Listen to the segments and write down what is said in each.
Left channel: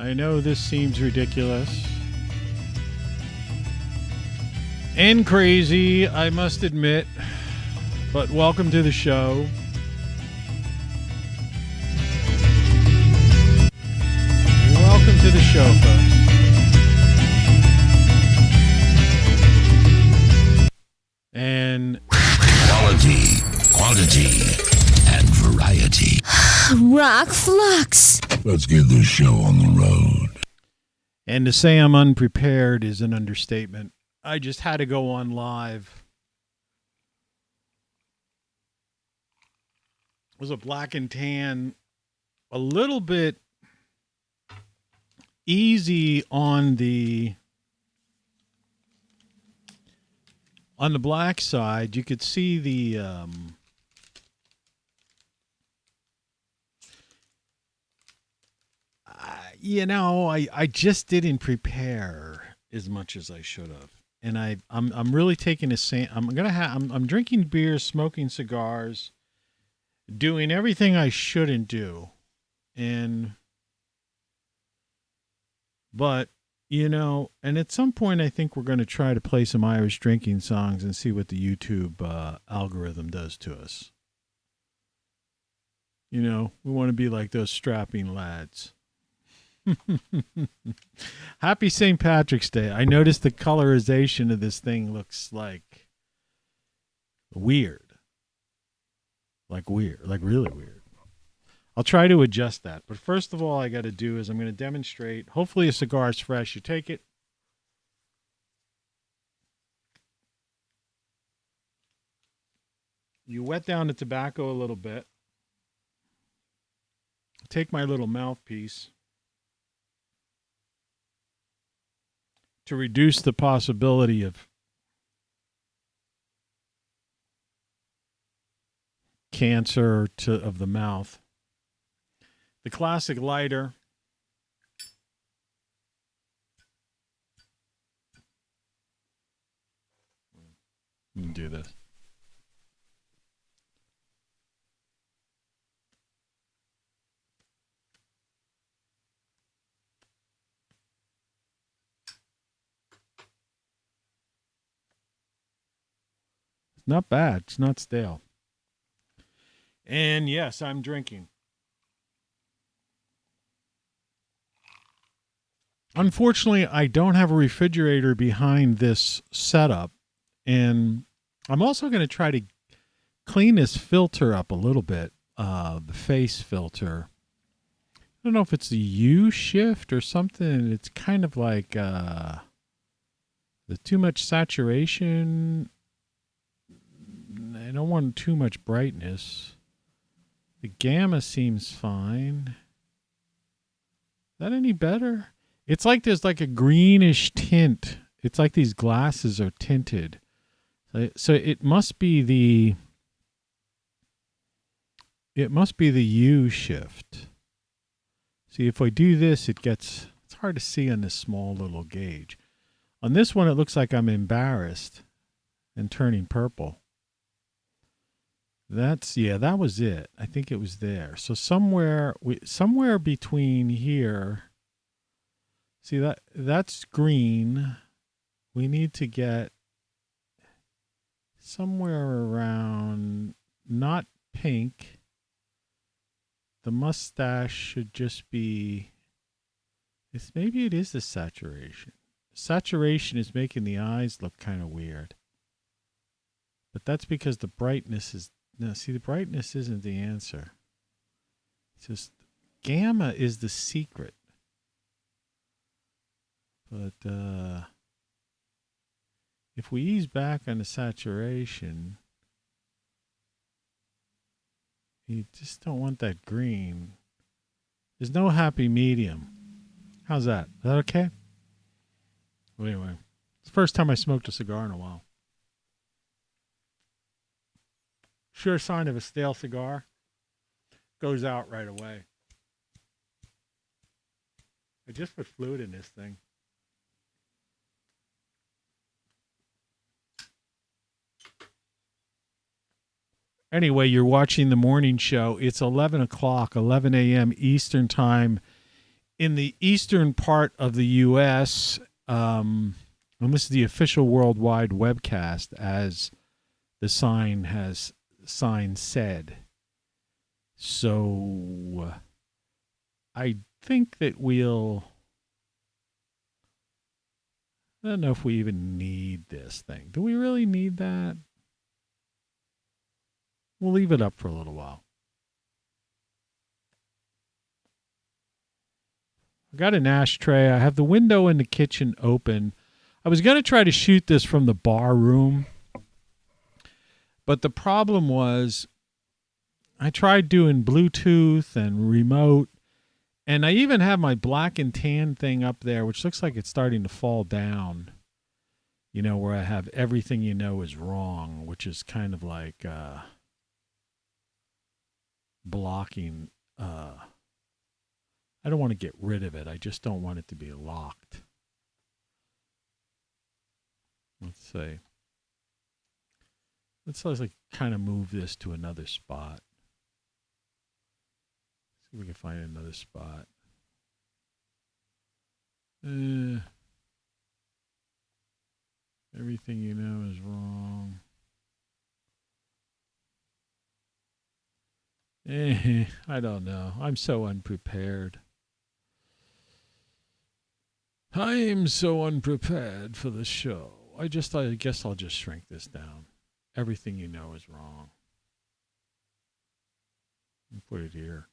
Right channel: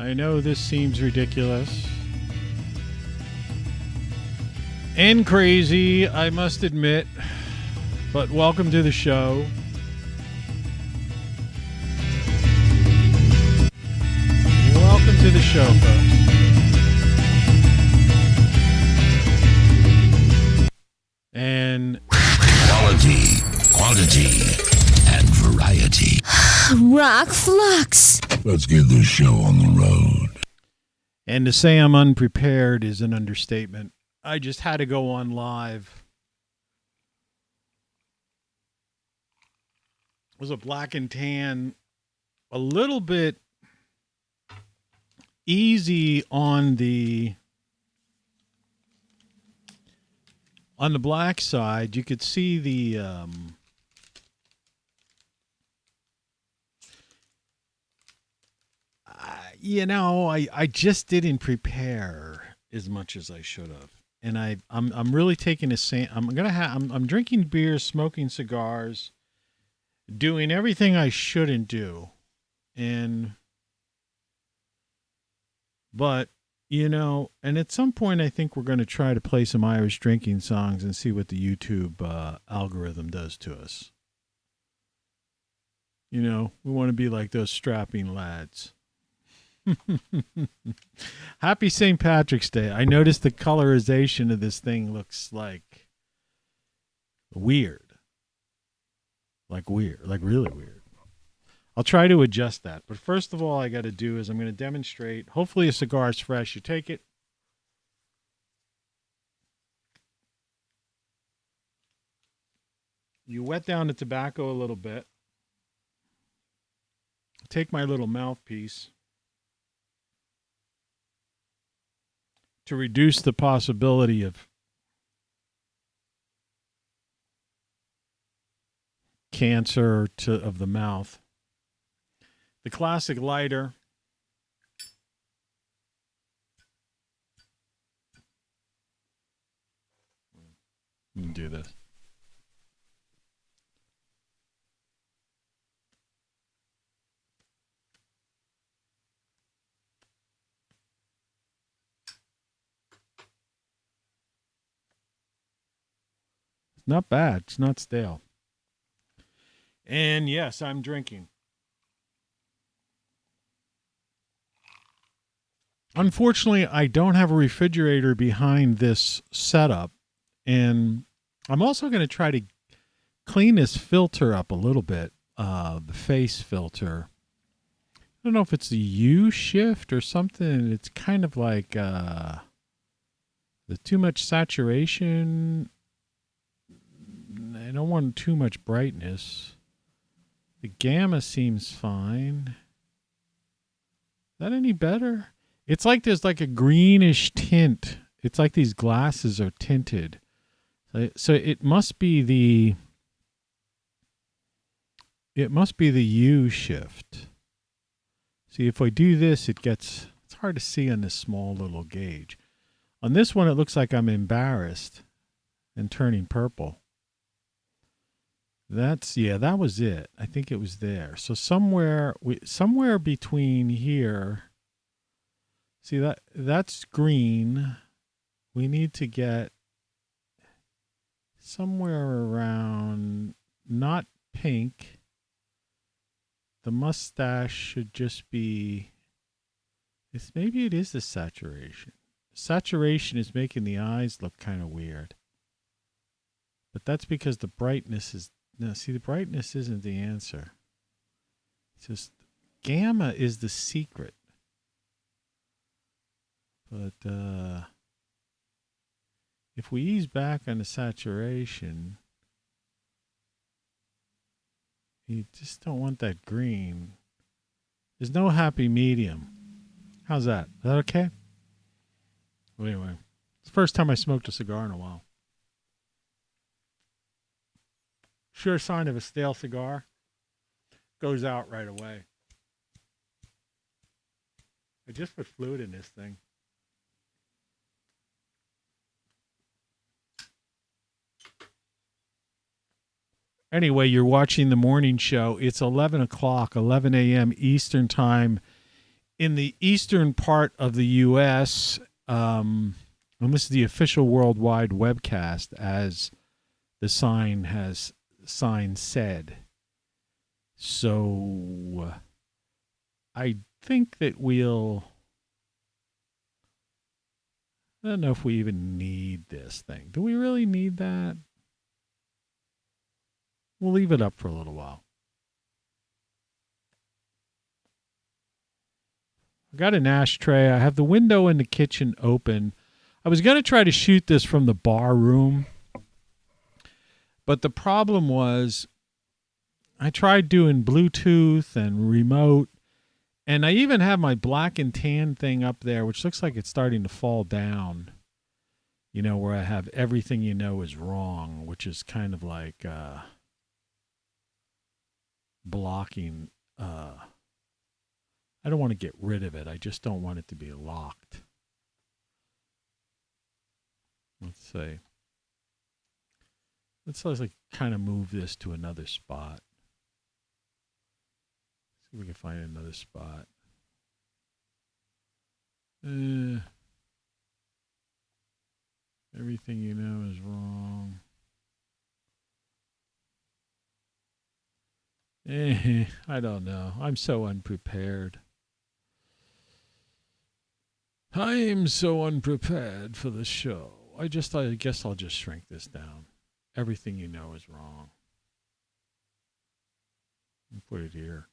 I know this seems ridiculous and crazy, I must admit, but welcome to the show. Welcome to the show, folks. And quality, quantity, and variety. ROCKFLUX. Let's get this show on the road. And to say I'm unprepared is an understatement. I just had to go on live. It was a black and tan, a little bit easy on the black side. You could see the I just didn't prepare as much as I should have, and I'm really taking I'm drinking beers, smoking cigars, doing everything I shouldn't do, but and at some point I think we're going to try to play some Irish drinking songs and see what the YouTube algorithm does to us. We want to be like those strapping lads. Happy St. Patrick's Day. I noticed the colorization of this thing looks like weird. Like really weird. I'll try to adjust that. But first of all, I got to do is I'm going to demonstrate. Hopefully a cigar is fresh. You take it. You wet down the tobacco a little bit. Take my little mouthpiece to reduce the possibility of cancer of the mouth. The classic lighter. Let me do this. Not bad. It's not stale. And yes, I'm drinking. Unfortunately, I don't have a refrigerator behind this setup. And I'm also going to try to clean this filter up a little bit, the face filter. I don't know if it's the U shift or something. It's kind of like the too much saturation. I don't want too much brightness. The gamma seems fine. Is that any better? It's like there's like a greenish tint. It's like these glasses are tinted. So it must be the U shift. See, if I do this, it's hard to see on this small little gauge. On this one, it looks like I'm embarrassed and turning purple. That was it. I think it was there. So somewhere between here. See that's green. We need to get somewhere around not pink. The mustache should just be. Maybe it is the saturation. Saturation is making the eyes look kind of weird. But that's because the brightness is. No, see, the brightness isn't the answer. It's just gamma is the secret. But if we ease back on the saturation, you just don't want that green. There's no happy medium. How's that? Is that okay? Well, anyway, it's the first time I smoked a cigar in a while. Sure sign of a stale cigar. Goes out right away. I just put fluid in this thing. Anyway, you're watching the morning show. It's 11 o'clock, 11 a.m. Eastern Time in the eastern part of the U.S., and this is the official worldwide webcast, as the sign said. So I think that I don't know if we even need this thing. Do we really need that? We'll leave it up for a little while. I got an ashtray. I have the window in the kitchen open. I was going to try to shoot this from the bar room, but the problem was I tried doing Bluetooth and remote, and I even have my black and tan thing up there, which looks like it's starting to fall down, you know, where I have everything you know is wrong, which is kind of like blocking. I don't want to get rid of it. I just don't want it to be locked. Let's see. Let's like kind of move this to another spot. See if we can find another spot. Everything you know is wrong. I don't know. I'm so unprepared. I am so unprepared for the show. I guess I'll just shrink this down. Everything you know is wrong. And put it here.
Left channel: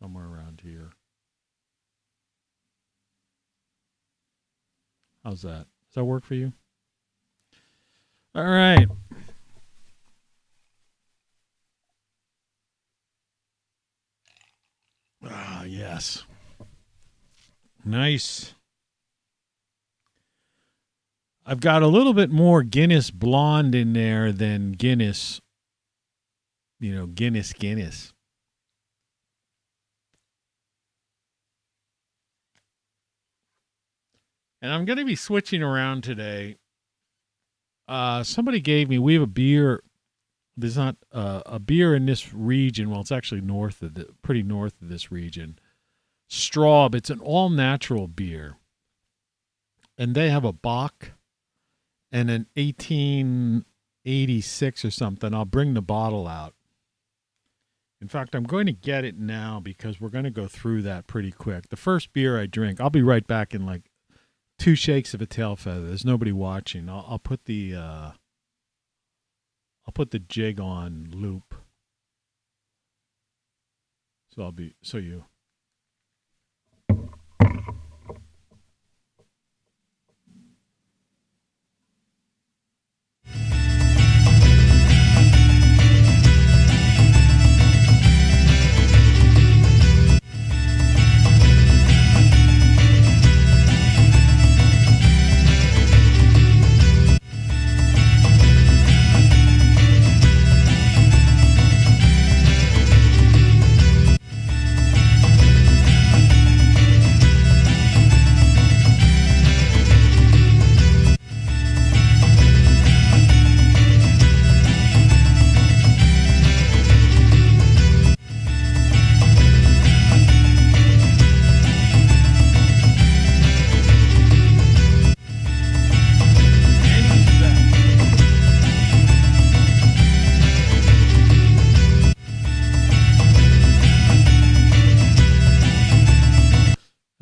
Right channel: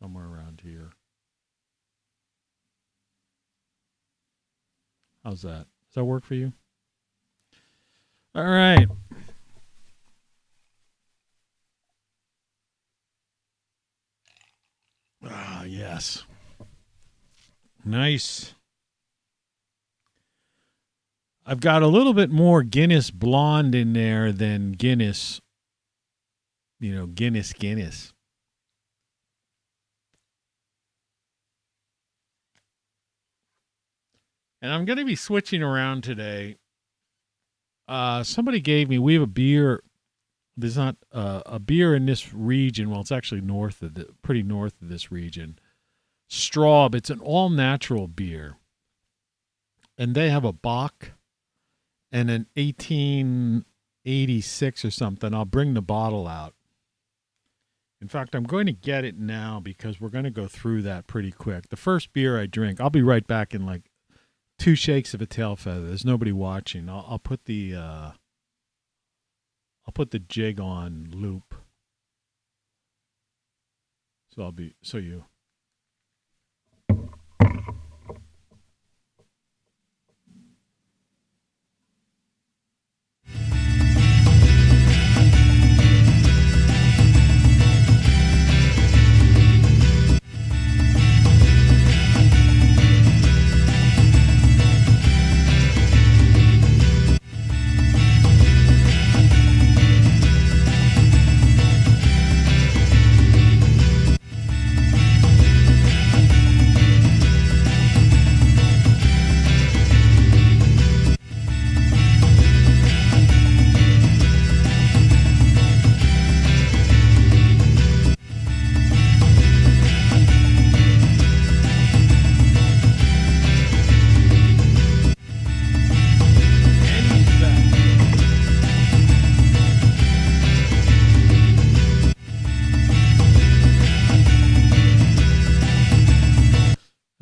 Somewhere around here. How's that? Does that work for you? All right. Ah, yes. Nice. I've got a little bit more Guinness Blonde in there than Guinness, Guinness. And I'm going to be switching around today. Somebody gave me, we have a beer. There's not a beer in this region. Well, it's actually pretty north of this region. Straub. It's an all-natural beer. And they have a Bock and an 1886 or something. I'll bring the bottle out. In fact, I'm going to get it now because we're going to go through that pretty quick. The first beer I drink, I'll be right back in like 2 shakes of a tail feather. There's nobody watching. I'll put the jig on loop. So you.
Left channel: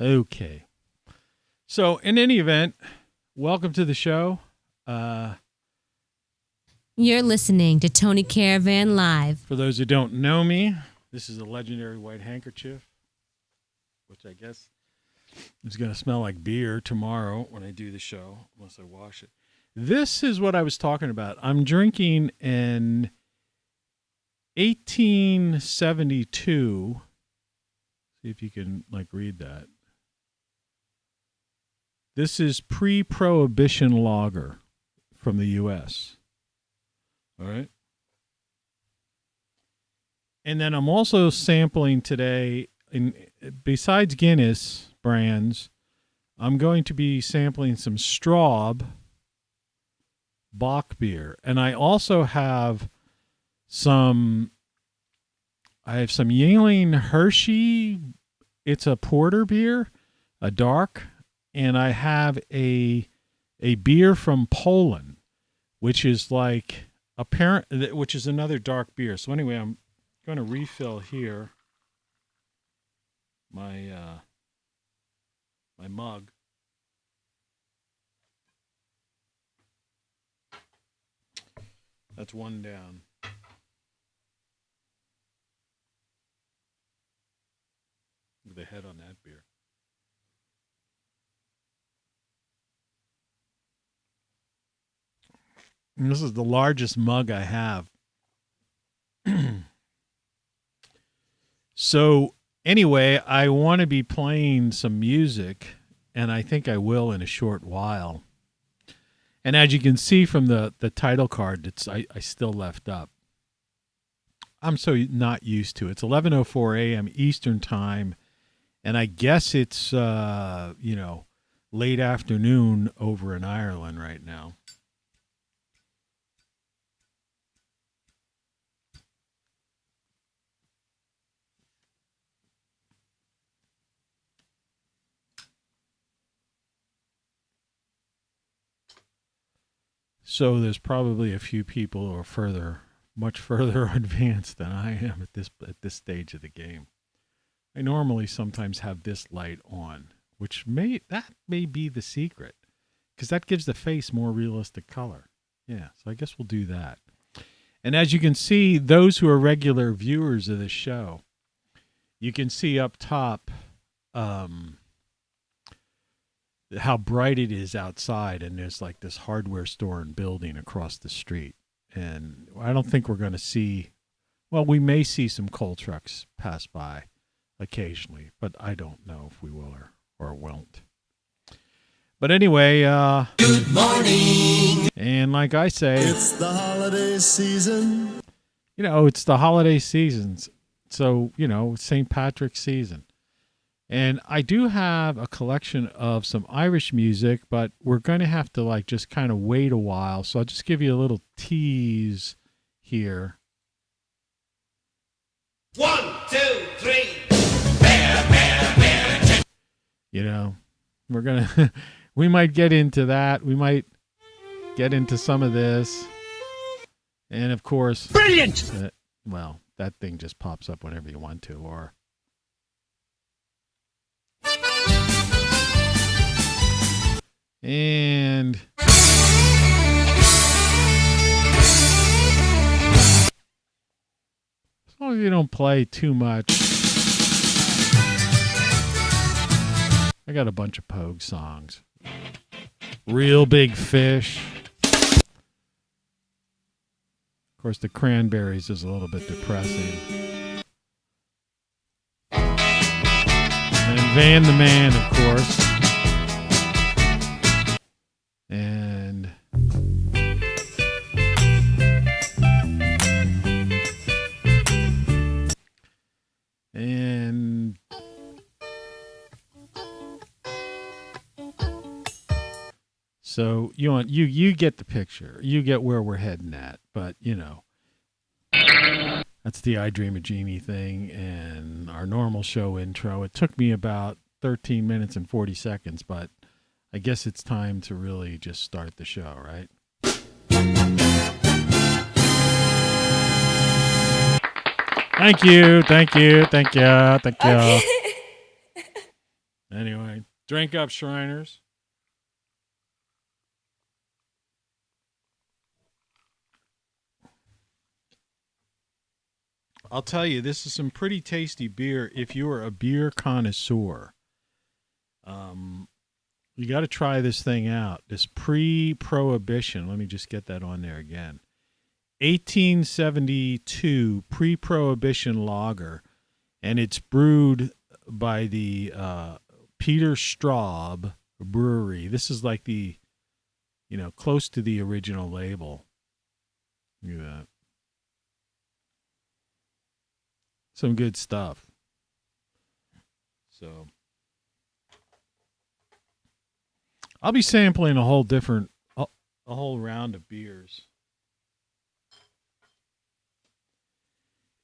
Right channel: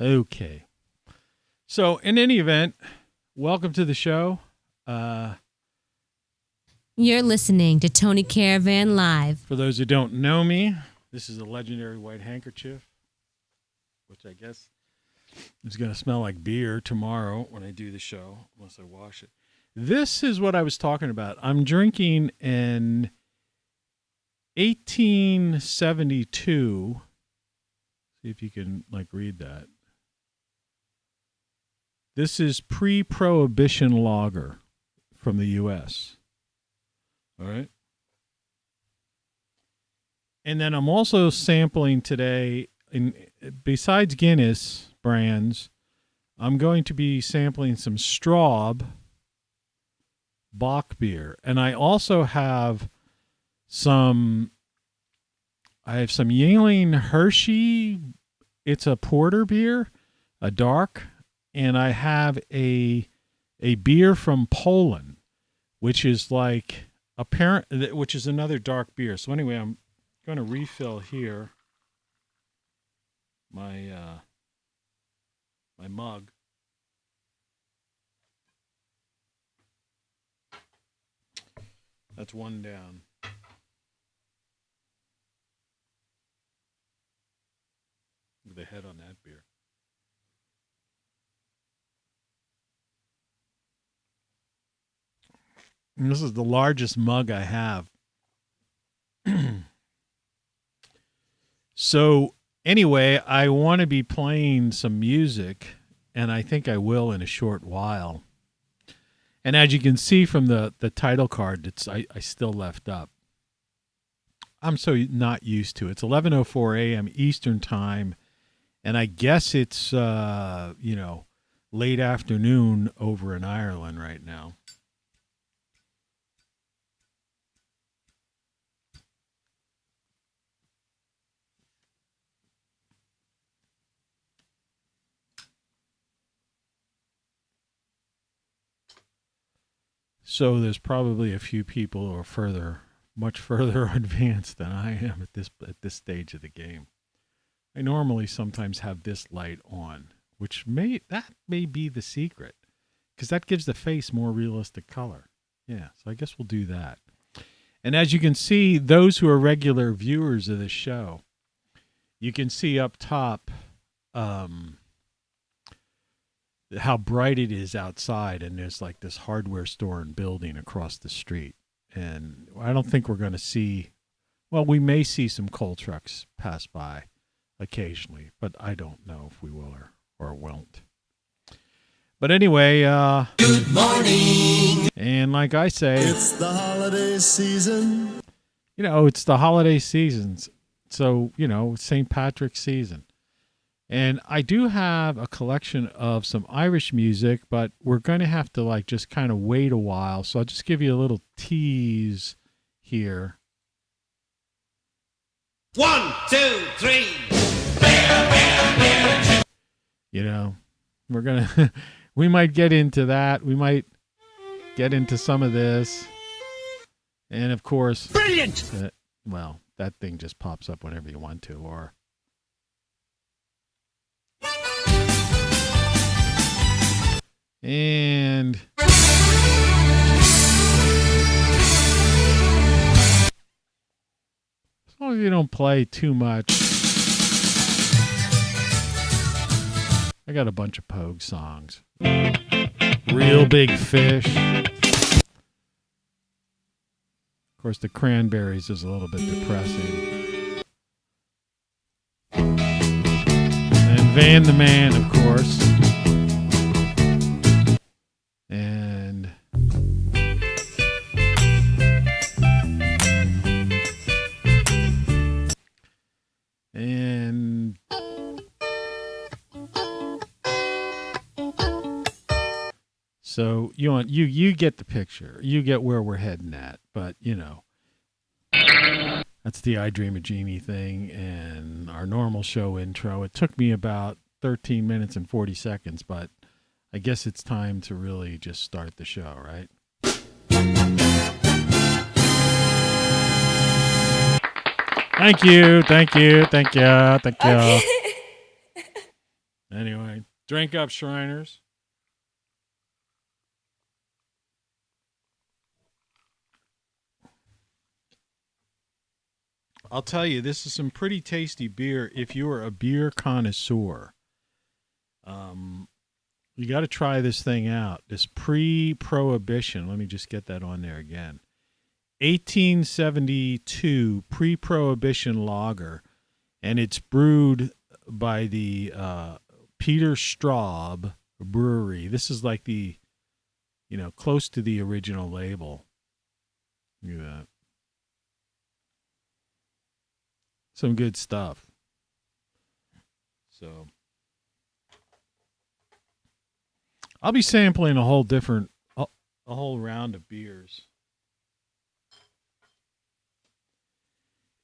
Okay. So, in any event, welcome to the show. You're listening to Tony Caravan Live. For those who don't know me, this is a legendary white handkerchief, which I guess is going to smell like beer tomorrow when I do the show, unless I wash it. This is what I was talking about. I'm drinking an 1872. See if you can read that. This is pre-prohibition lager from the U.S. All right. And then I'm also sampling today, besides Guinness brands, I'm going to be sampling some Straub Bock beer. And I also have some Yingling Hershey it's a porter beer, a dark, and I have a beer from Poland, which is like which is another dark beer. So anyway, I'm going to refill here my my mug. That's one down. Look at the head on that beer. And this is the largest mug I have. So anyway, I want to be playing some music, and I think I will in a short while. And as you can see from the title card, I still left up. I'm so not used to it. It's 11:04 a.m. Eastern time, and I guess it's late afternoon over in Ireland right now. So there's probably a few people who are much further advanced than I am at this stage of the game. I normally sometimes have this light on, which may be the secret, because that gives the face more realistic color. Yeah, so I guess we'll do that. And as you can see, those who are regular viewers of this show, you can see up top how bright it is outside, and there's like this hardware store and building across the street. And I don't think we're going to see, well, we may see some coal trucks pass by occasionally, but I don't know if we will or won't. But anyway, Good morning. And like I say, it's the holiday season. It's the holiday seasons. So, St. Patrick's season. And I do have a collection of some Irish music, but we're going to have to just kind of wait a while. So I'll just give you a little tease here. 1, 2, 3. We're going to, we might get into that. We might get into some of this. And of course, Brilliant! That thing just pops up whenever you want to, or. And as long as you don't play too much. I got a bunch of Pogue songs. Real Big Fish. Of course, the Cranberries is a little bit depressing. And Van the Man, of course. And so you get the picture. You get where we're heading at, but that's the I Dream of Jeannie thing and our normal show intro. It took me about 13 minutes and 40 seconds, but I guess it's time to really just start the show, right? Thank you. Okay. Anyway, drink up, Shriners. I'll tell you, this is some pretty tasty beer if you are a beer connoisseur. You got to try this thing out. This pre-prohibition. Let me just get that on there again. 1872 pre-prohibition lager, and it's brewed by the Peter Straub Brewery. This is like the, close to the original label. Look at that. Some good stuff. So I'll be sampling a whole round of beers.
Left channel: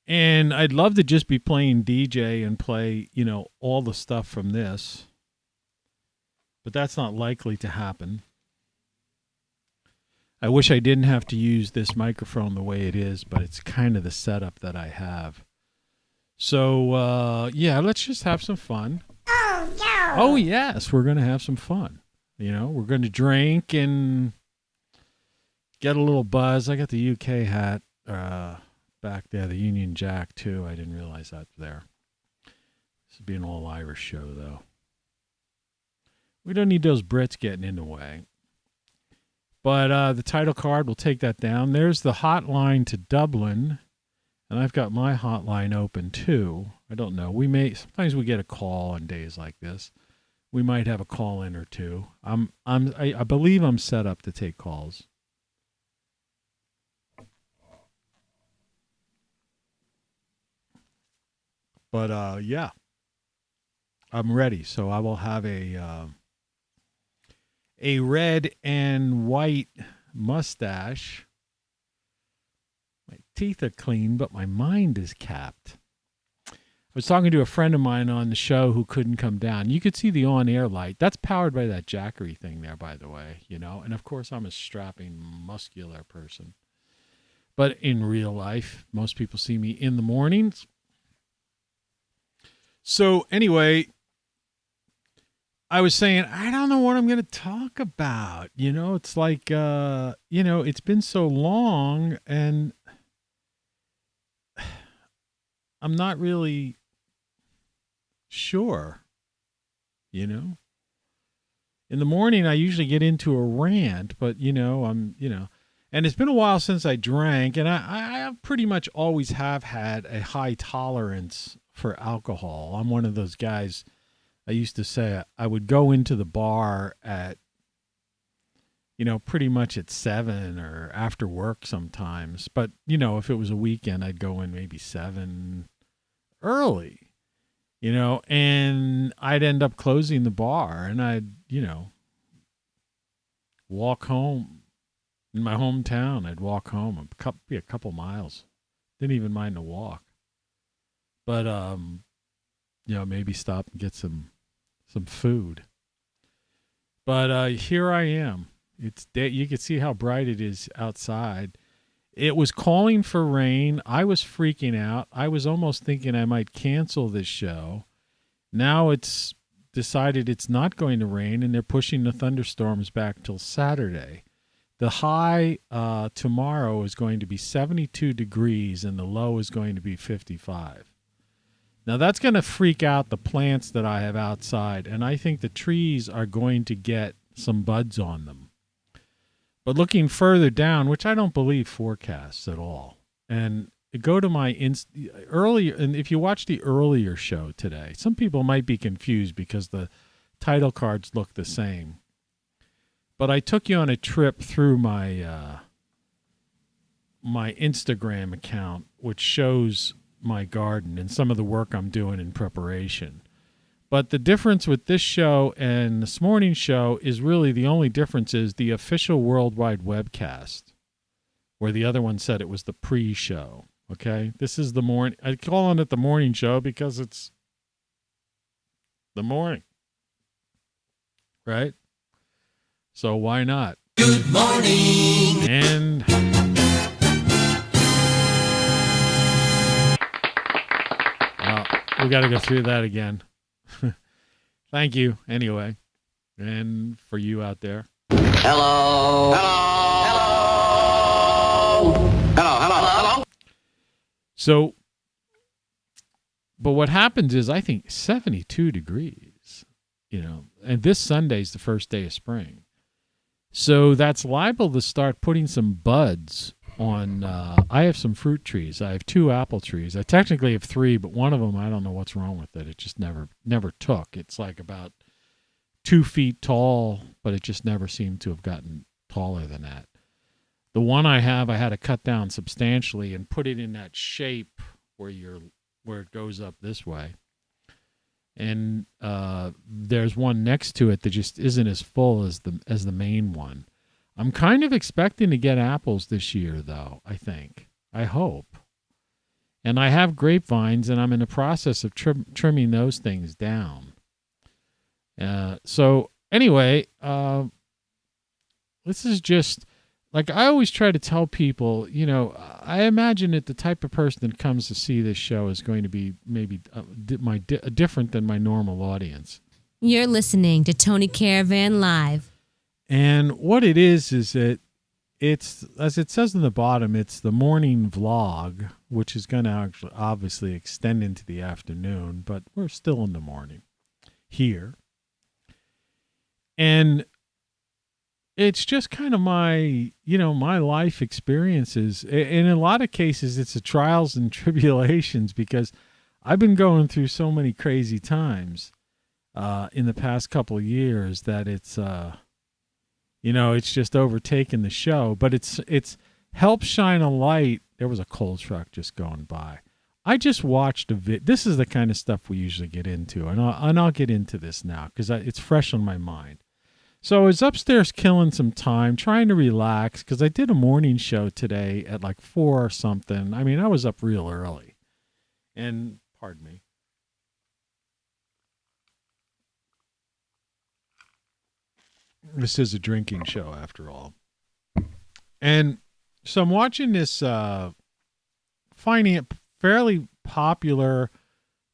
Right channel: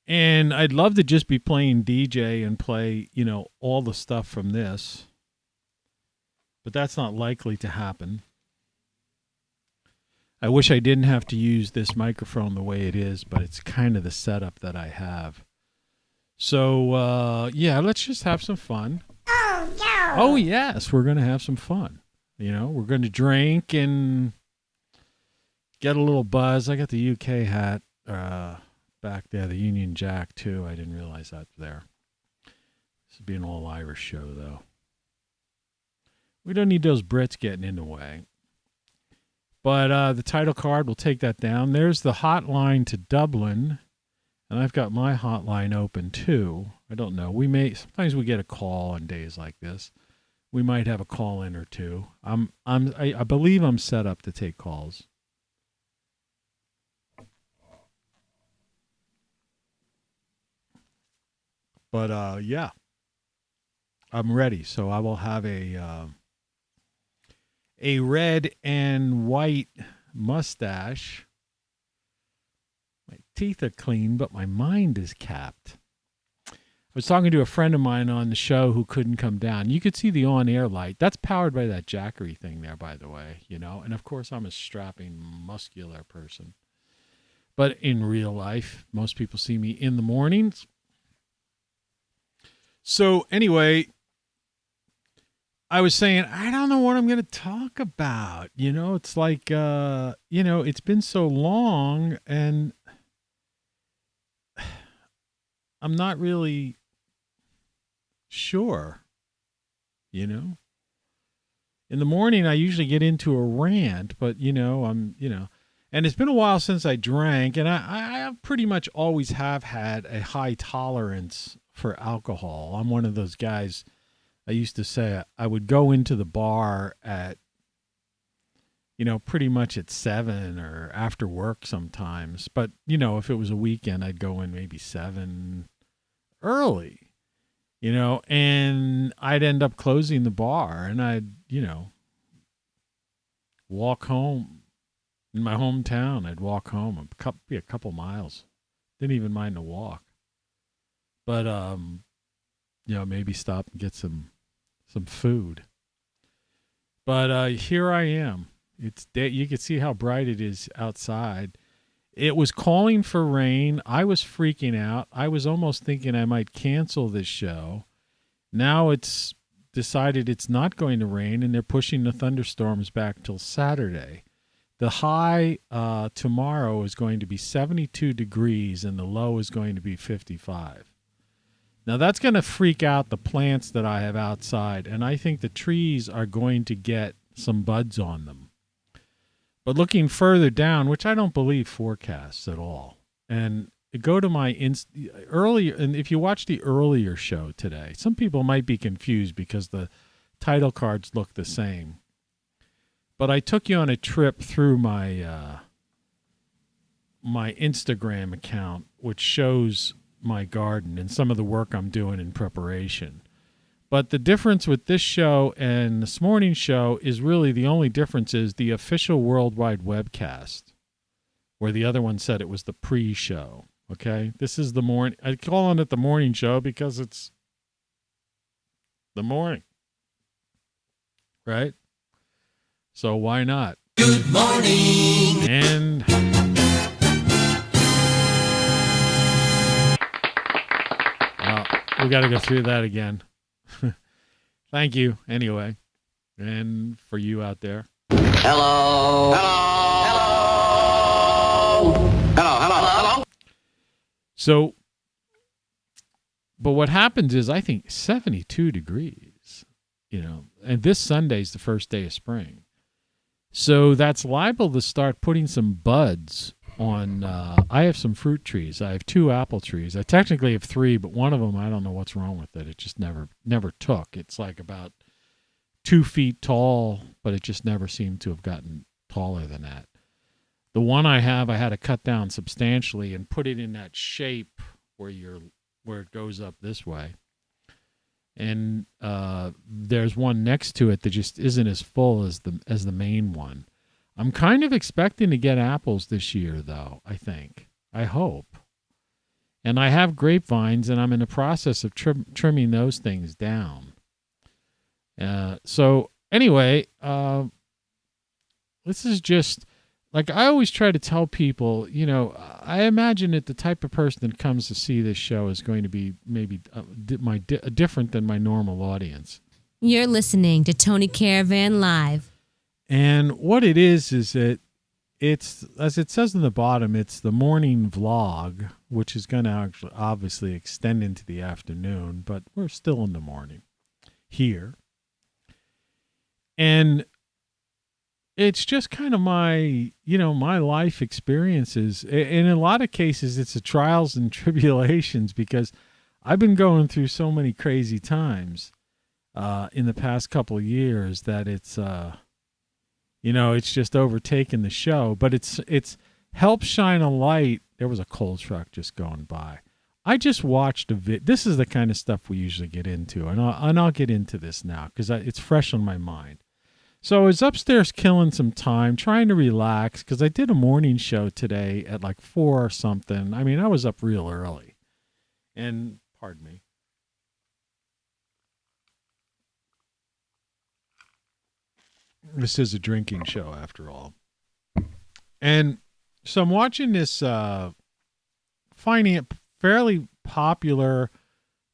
And I'd love to just be playing DJ and play, all the stuff from this. But that's not likely to happen. I wish I didn't have to use this microphone the way it is, but it's kind of the setup that I have. So, let's just have some fun. Oh, yes, we're going to have some fun. We're going to drink and get a little buzz. I got the UK hat back there, the Union Jack, too. I didn't realize that's there. This would be an all-Irish show, though. We don't need those Brits getting in the way. But the title card, we'll take that down. There's the hotline to Dublin. And I've got my hotline open, too. I don't know. Sometimes we get a call on days like this. We might have a call in or two. I believe I'm set up to take calls. But I'm ready. So I will have a red and white mustache. My teeth are clean, but my mind is capped. I was talking to a friend of mine on the show who couldn't come down. You could see the on-air light. That's powered by that Jackery thing there, by the way, And, of course, I'm a strapping, muscular person. But in real life, most people see me in the mornings. So, anyway, I was saying, I don't know what I'm going to talk about. It's like, it's been so long, and I'm not really sure, In the morning, I usually get into a rant, but, and it's been a while since I drank, and I pretty much always have had a high tolerance for alcohol. I'm one of those guys. I used to say I would go into the bar at, pretty much at 7 or after work sometimes. But, if it was a weekend, I'd go in maybe 7 early, and I'd end up closing the bar and I'd, walk home in my hometown. I'd walk home a couple miles. Didn't even mind the walk. But, maybe stop and get some food. But here I am. It's day. You can see how bright it is outside. It was calling for rain. I was freaking out. I was almost thinking I might cancel this show. Now it's decided it's not going to rain, and they're pushing the thunderstorms back till Saturday. The high tomorrow is going to be 72 degrees, and the low is going to be 55. Now, that's going to freak out the plants that I have outside, and I think the trees are going to get some buds on them. But looking further down, which I don't believe forecasts at all, and go to my earlier, and if you watch the earlier show today, some people might be confused because the title cards look the same. But I took you on a trip through my my Instagram account, which shows my garden and some of the work I'm doing in preparation. But the difference with this show and this morning's show is really the only difference is the official worldwide webcast, where the other one said it was the pre-show. Okay, this is the morning. I call it the morning show because it's the morning, right? So why not? Good morning. And we got to go through that again. Thank you, anyway. And for you out there. Hello. Hello. Hello. Hello. So, but what happens is I think 72 degrees, and this Sunday's the first day of spring. So that's liable to start putting some buds on. I have some fruit trees. I have 2 apple trees. I technically have 3, but one of them, I don't know what's wrong with it. It just never took. It's like about 2 feet tall, but it just never seemed to have gotten taller than that. The one I have, I had to cut down substantially and put it in that shape where it goes up this way. And there's one next to it that just isn't as full as the main one. I'm kind of expecting to get apples this year, though, I think. I hope. And I have grapevines, and I'm in the process of trimming those things down. So anyway, this is just like I always try to tell people, I imagine that the type of person that comes to see this show is going to be maybe different than my normal audience. You're listening to Tony Caravan Live. And what it is that it's, as it says in the bottom, it's the morning vlog, which is going to actually obviously extend into the afternoon, but we're still in the morning here. And it's just kind of my life experiences. In a lot of cases, it's the trials and tribulations, because I've been going through so many crazy times in the past couple of years that it's just overtaken the show. But it's helped shine a light. There was a coal truck just going by. I just watched a this is the kind of stuff we usually get into, and I'll get into this now because it's fresh on my mind. So I was upstairs killing some time, trying to relax, because I did a morning show today at like 4 or something. I mean, I was up real early. And, pardon me. This is a drinking show, after all. And so I'm watching this fairly popular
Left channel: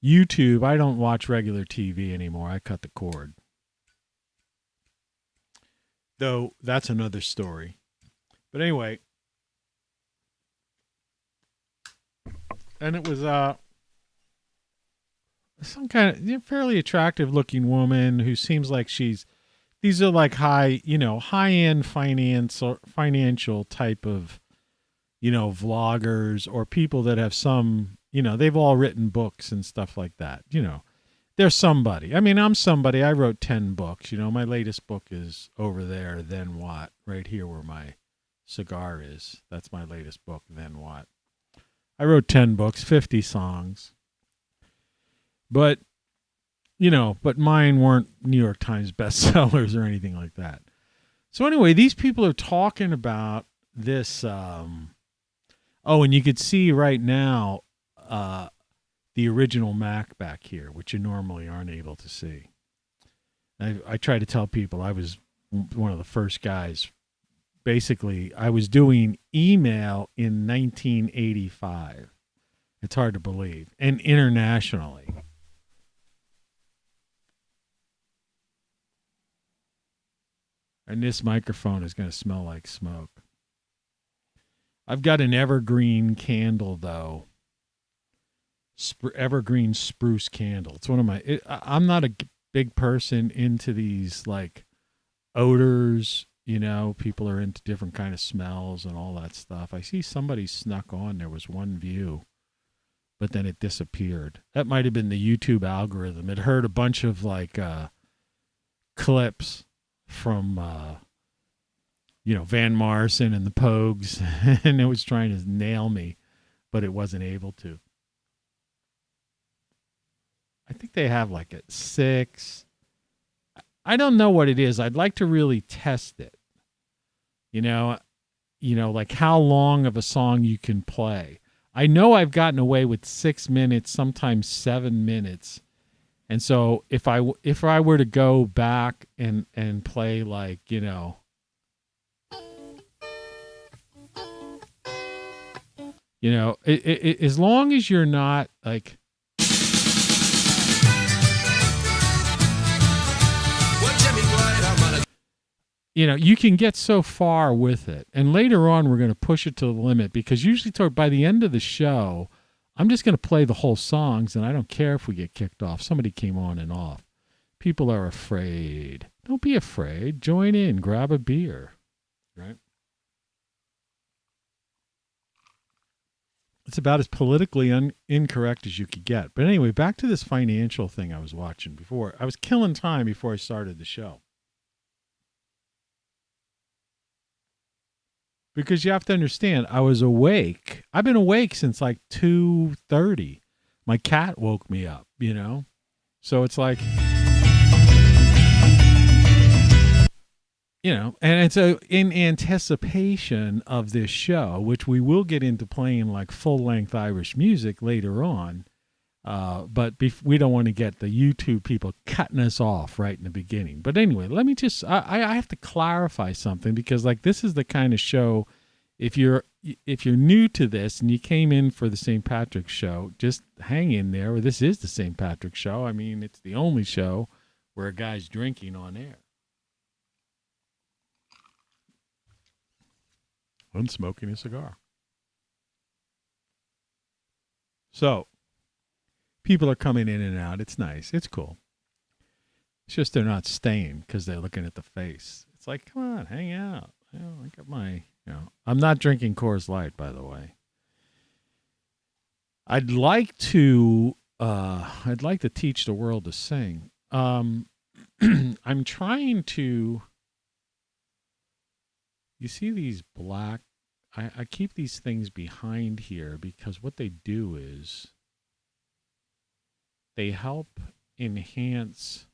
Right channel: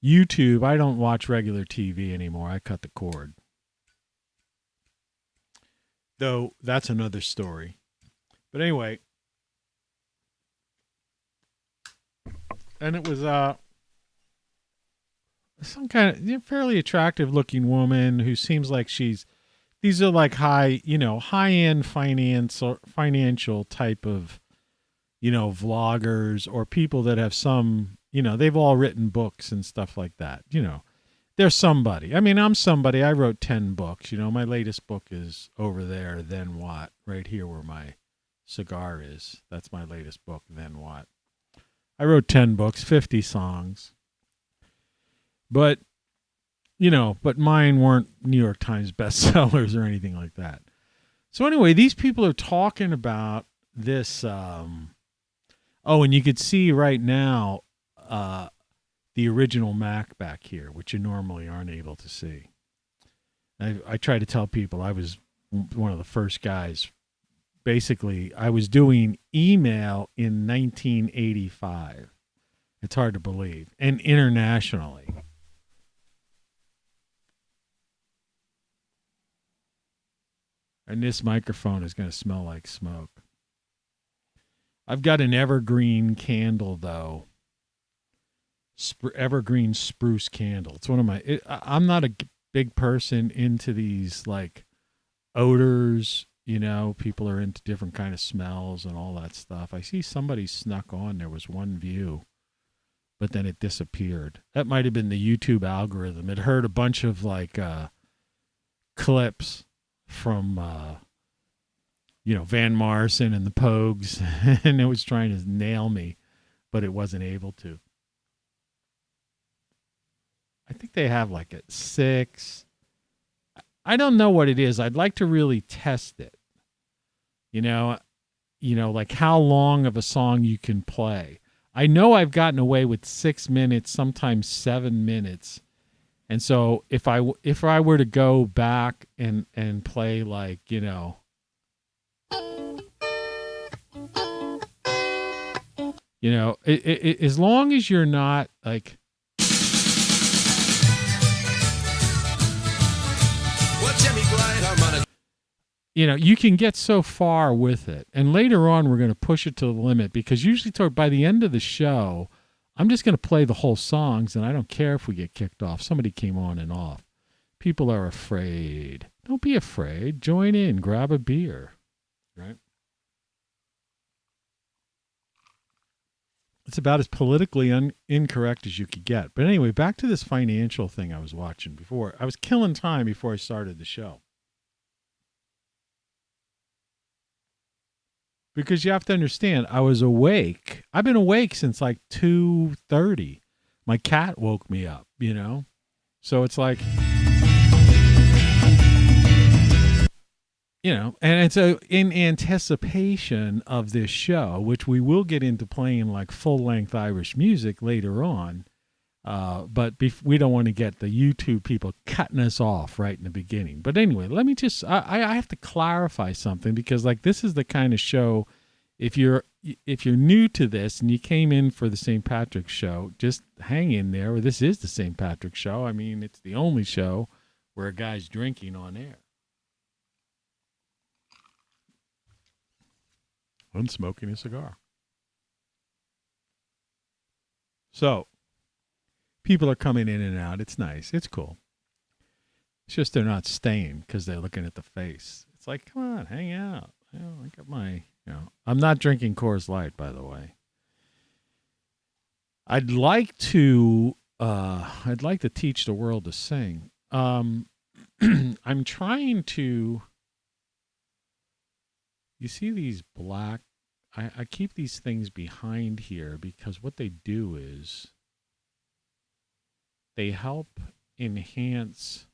YouTube. I don't watch regular TV anymore. I cut the cord. Though that's another story. But anyway. And it was some kind of fairly attractive looking woman who seems like these are like high-end financial type of, vloggers or people that have some, they've all written books and stuff like that, They're somebody. I mean, I'm somebody. I wrote 10 books. My latest book is over there, Then What? Right here where my cigar is. That's my latest book, Then What? I wrote 10 books, 50 songs. But, but mine weren't New York Times bestsellers or anything like that. So anyway, these people are talking about this. And you could see right now, the original Mac back here, which you normally aren't able to see. I try to tell people I was one of the first guys. Basically, I was doing email in 1985. It's hard to believe. And internationally. And this microphone is going to smell like smoke. I've got an evergreen candle, though. Evergreen spruce candle. It's one of my. I'm not a big person into these like odors. People are into different kind of smells and all that stuff. I see somebody snuck on. There was one view, but then it disappeared. That might have been the YouTube algorithm. It heard a bunch of like clips from Van Morrison and the Pogues, and it was trying to nail me, but it wasn't able to. I think they have like a 6. I don't know what it is. I'd like to really test it. Like how long of a song you can play. I know I've gotten away with 6 minutes, sometimes 7 minutes. And so if I were to go back and play like, as long as you're not like, you can get so far with it. And later on, we're going to push it to the limit, because usually by the end of the show, I'm just going to play the whole songs, and I don't care if we get kicked off. Somebody came on and off. People are afraid. Don't be afraid. Join in. Grab a beer. Right? It's about as politically incorrect as you could get. But anyway, back to this financial thing I was watching before. I was killing time before I started the show. Because you have to understand, I was awake. I've been awake since like 2:30. My cat woke me up, So it's like, and so in anticipation of this show, which we will get into playing like full-length Irish music later on, but we don't want to get the YouTube people cutting us off right in the beginning. But anyway, let me just, I have to clarify something, because like this is the kind of show, if you're new to this and you came in for the St. Patrick's show, just hang in there. This is the St. Patrick's show. I mean, it's the only show where a guy's drinking on air. I'm smoking a cigar. So, people are coming in and out. It's nice. It's cool. It's just they're not staying because they're looking at the face. It's like, come on, hang out. I got my, I'm not drinking Coors Light, by the way. I'd like to teach the world to sing. I'm trying to. You see these black, I keep these things behind here because what they do is they help enhance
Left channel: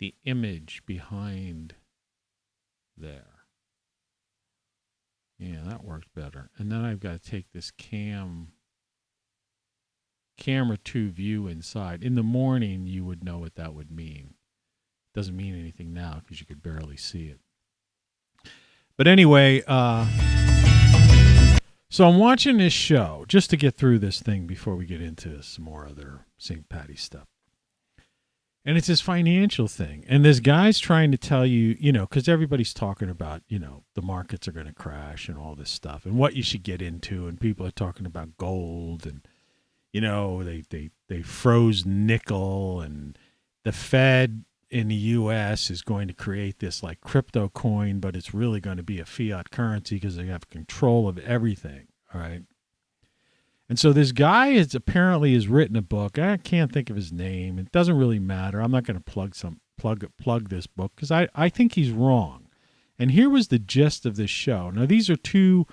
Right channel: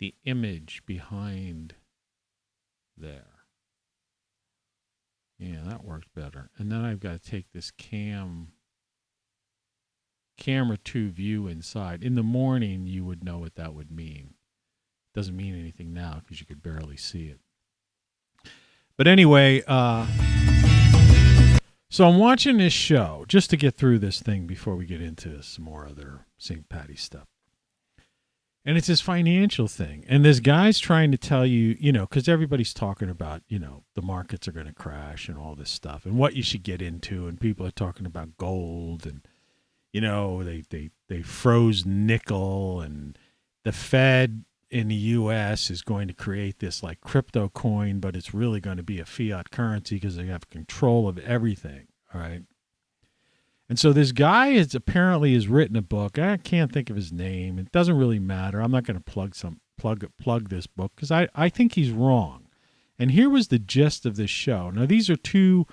the image behind there. Yeah, that worked better. And then I've got to take this camera 2 view inside. In the morning, you would know what that would mean. It doesn't mean anything now because you could barely see it. But anyway, so I'm watching this show just to get through this thing before we get into some more other St. Patty's stuff. And it's this financial thing. And this guy's trying to tell you, because everybody's talking about, the markets are going to crash and all this stuff and what you should get into. And people are talking about gold and, they froze nickel, and the Fed in the U.S. is going to create this like crypto coin, but it's really going to be a fiat currency because they have control of everything. All right. And so this guy has written a book. I can't think of his name. It doesn't really matter. I'm not going to plug this book because I think he's wrong. And here was the gist of this show. Now, these are 2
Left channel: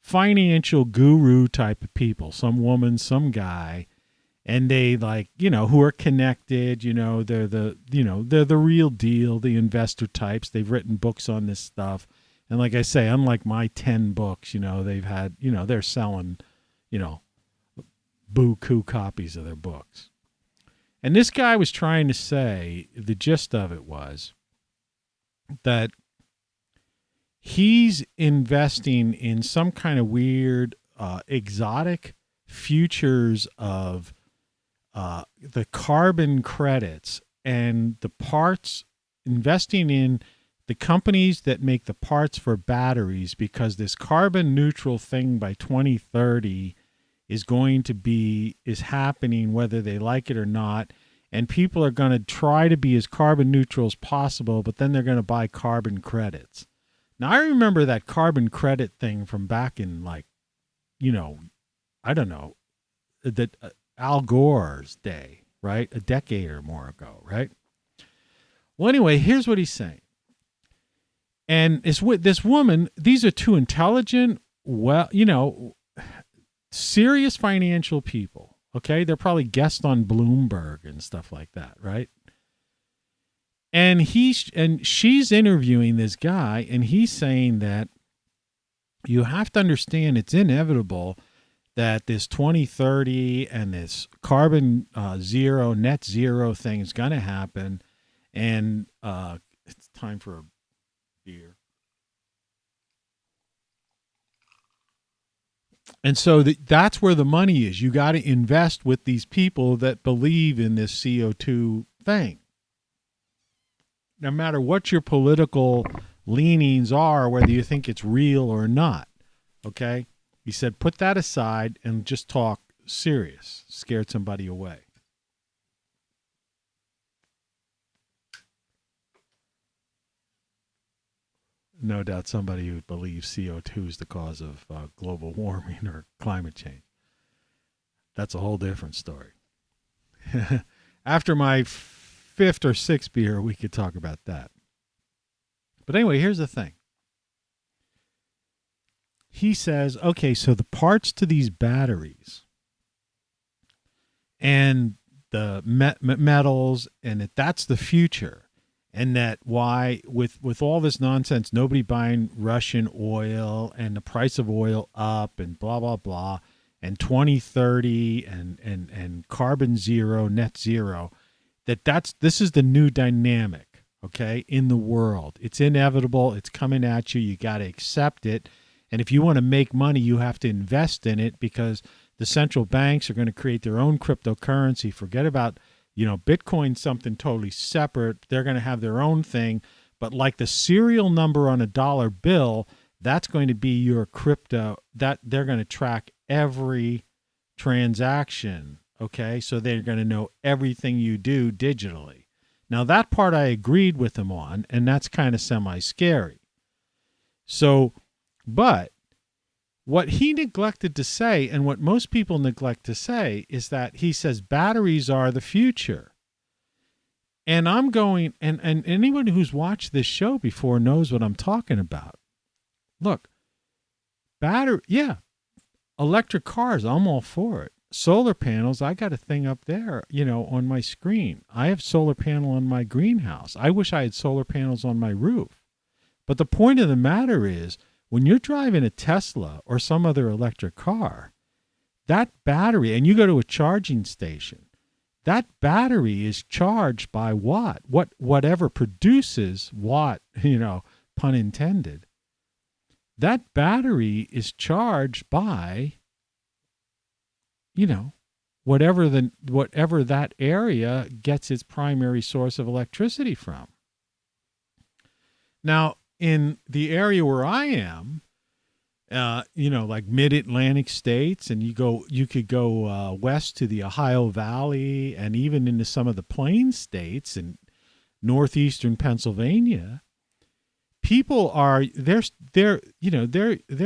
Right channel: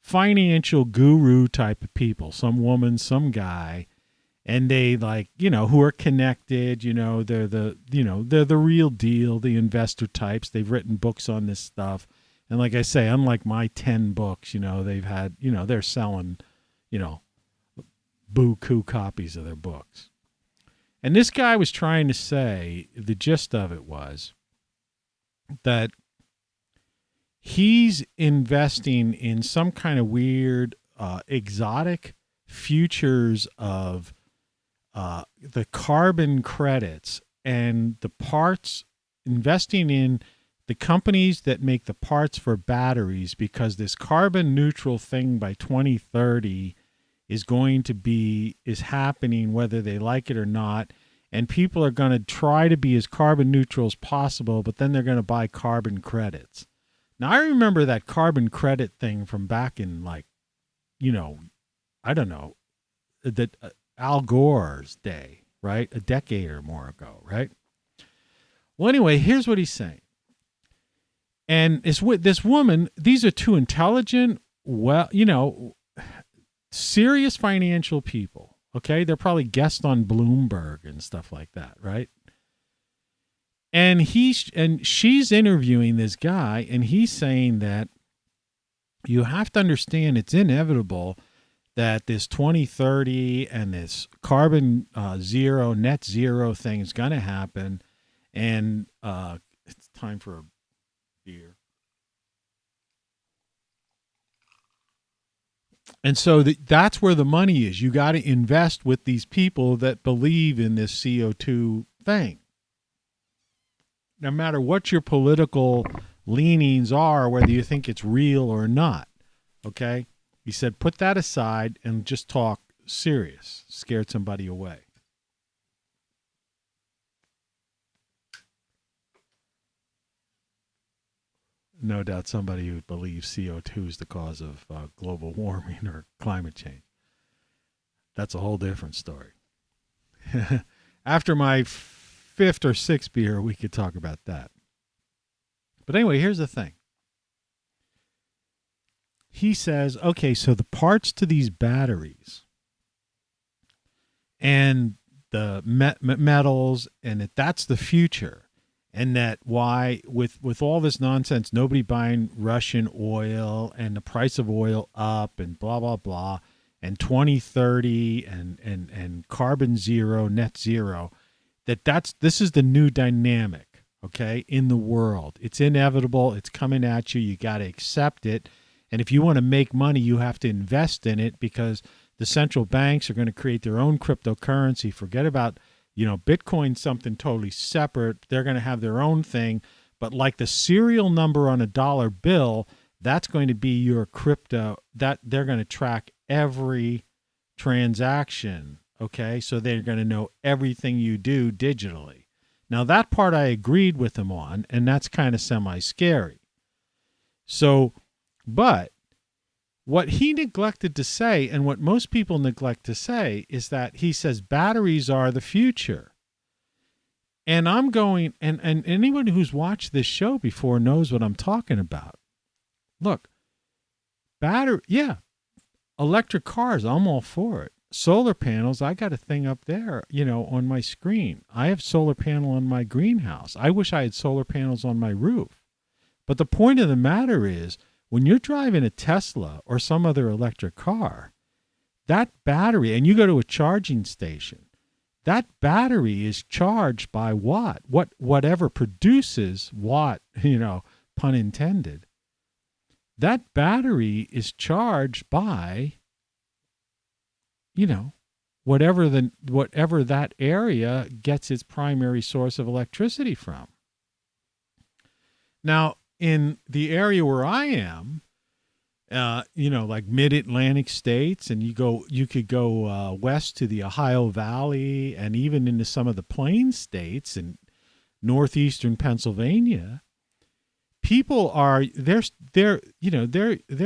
financial guru type of people, some woman, some guy. And they who are connected, they're the real deal, the investor types. They've written books on this stuff. And like I say, unlike my 10 books, they've had, they're selling, buku copies of their books. And this guy was trying to say, the gist of it was that he's investing in some kind of weird, exotic futures of the carbon credits and the parts, investing in the companies that make the parts for batteries, because this carbon neutral thing by 2030 is happening whether they like it or not. And people are going to try to be as carbon neutral as possible, but then they're going to buy carbon credits. Now, I remember that carbon credit thing from back in I don't know, that Al Gore's day, right? A decade or more ago, right? Well, anyway, here's what he's saying. And it's with this woman. These are 2 intelligent, serious financial people. Okay. They're probably guests on Bloomberg and stuff like that. Right. And she's interviewing this guy, and he's saying that you have to understand it's inevitable that this 2030 and this carbon net zero thing is going to happen. And it's time for a beer. And so that's where the money is. You got to invest with these people that believe in this CO2 thing. No matter what your political leanings are, whether you think it's real or not. Okay? He said, put that aside and just talk serious. Scared somebody away. No doubt somebody who believes CO2 is the cause of global warming or climate change. That's a whole different story. After my 5th or 6th beer, we could talk about that. But anyway, here's the thing. He says, okay, so the parts to these batteries and the metals, and that's the future. and that why with all this nonsense, nobody buying Russian oil and the price of oil up and blah blah blah, and 2030 and carbon zero, net zero, this is the new dynamic, okay, in the world. It's inevitable. It's coming at you. You got to accept it. And if you want to make money, you have to invest in it, because the central banks are going to create their own cryptocurrency. Forget about, Bitcoin's something totally separate. They're going to have their own thing. But like the serial number on a dollar bill, that's going to be your crypto. That they're going to track every transaction. Okay, so they're going to know everything you do digitally. Now, that part I agreed with him on, and that's kind of semi-scary. So, but what he neglected to say, and what most people neglect to say, is that he says batteries are the future. And I'm going, and anyone who's watched this show before knows what I'm talking about. Look, electric cars, I'm all for it. Solar panels, I got a thing up there, on my screen. I have solar panel on my greenhouse. I wish I had solar panels on my roof. But the point of the matter is, when you're driving a Tesla or some other electric car, that battery, and you go to a charging station, that battery is charged by whatever produces watt, pun intended. That battery is charged by, whatever that area gets its primary source of electricity from. Now, in the area where I am, like mid-Atlantic states, and you could go west to the Ohio Valley and even into some of the Plains states and northeastern Pennsylvania, people are they're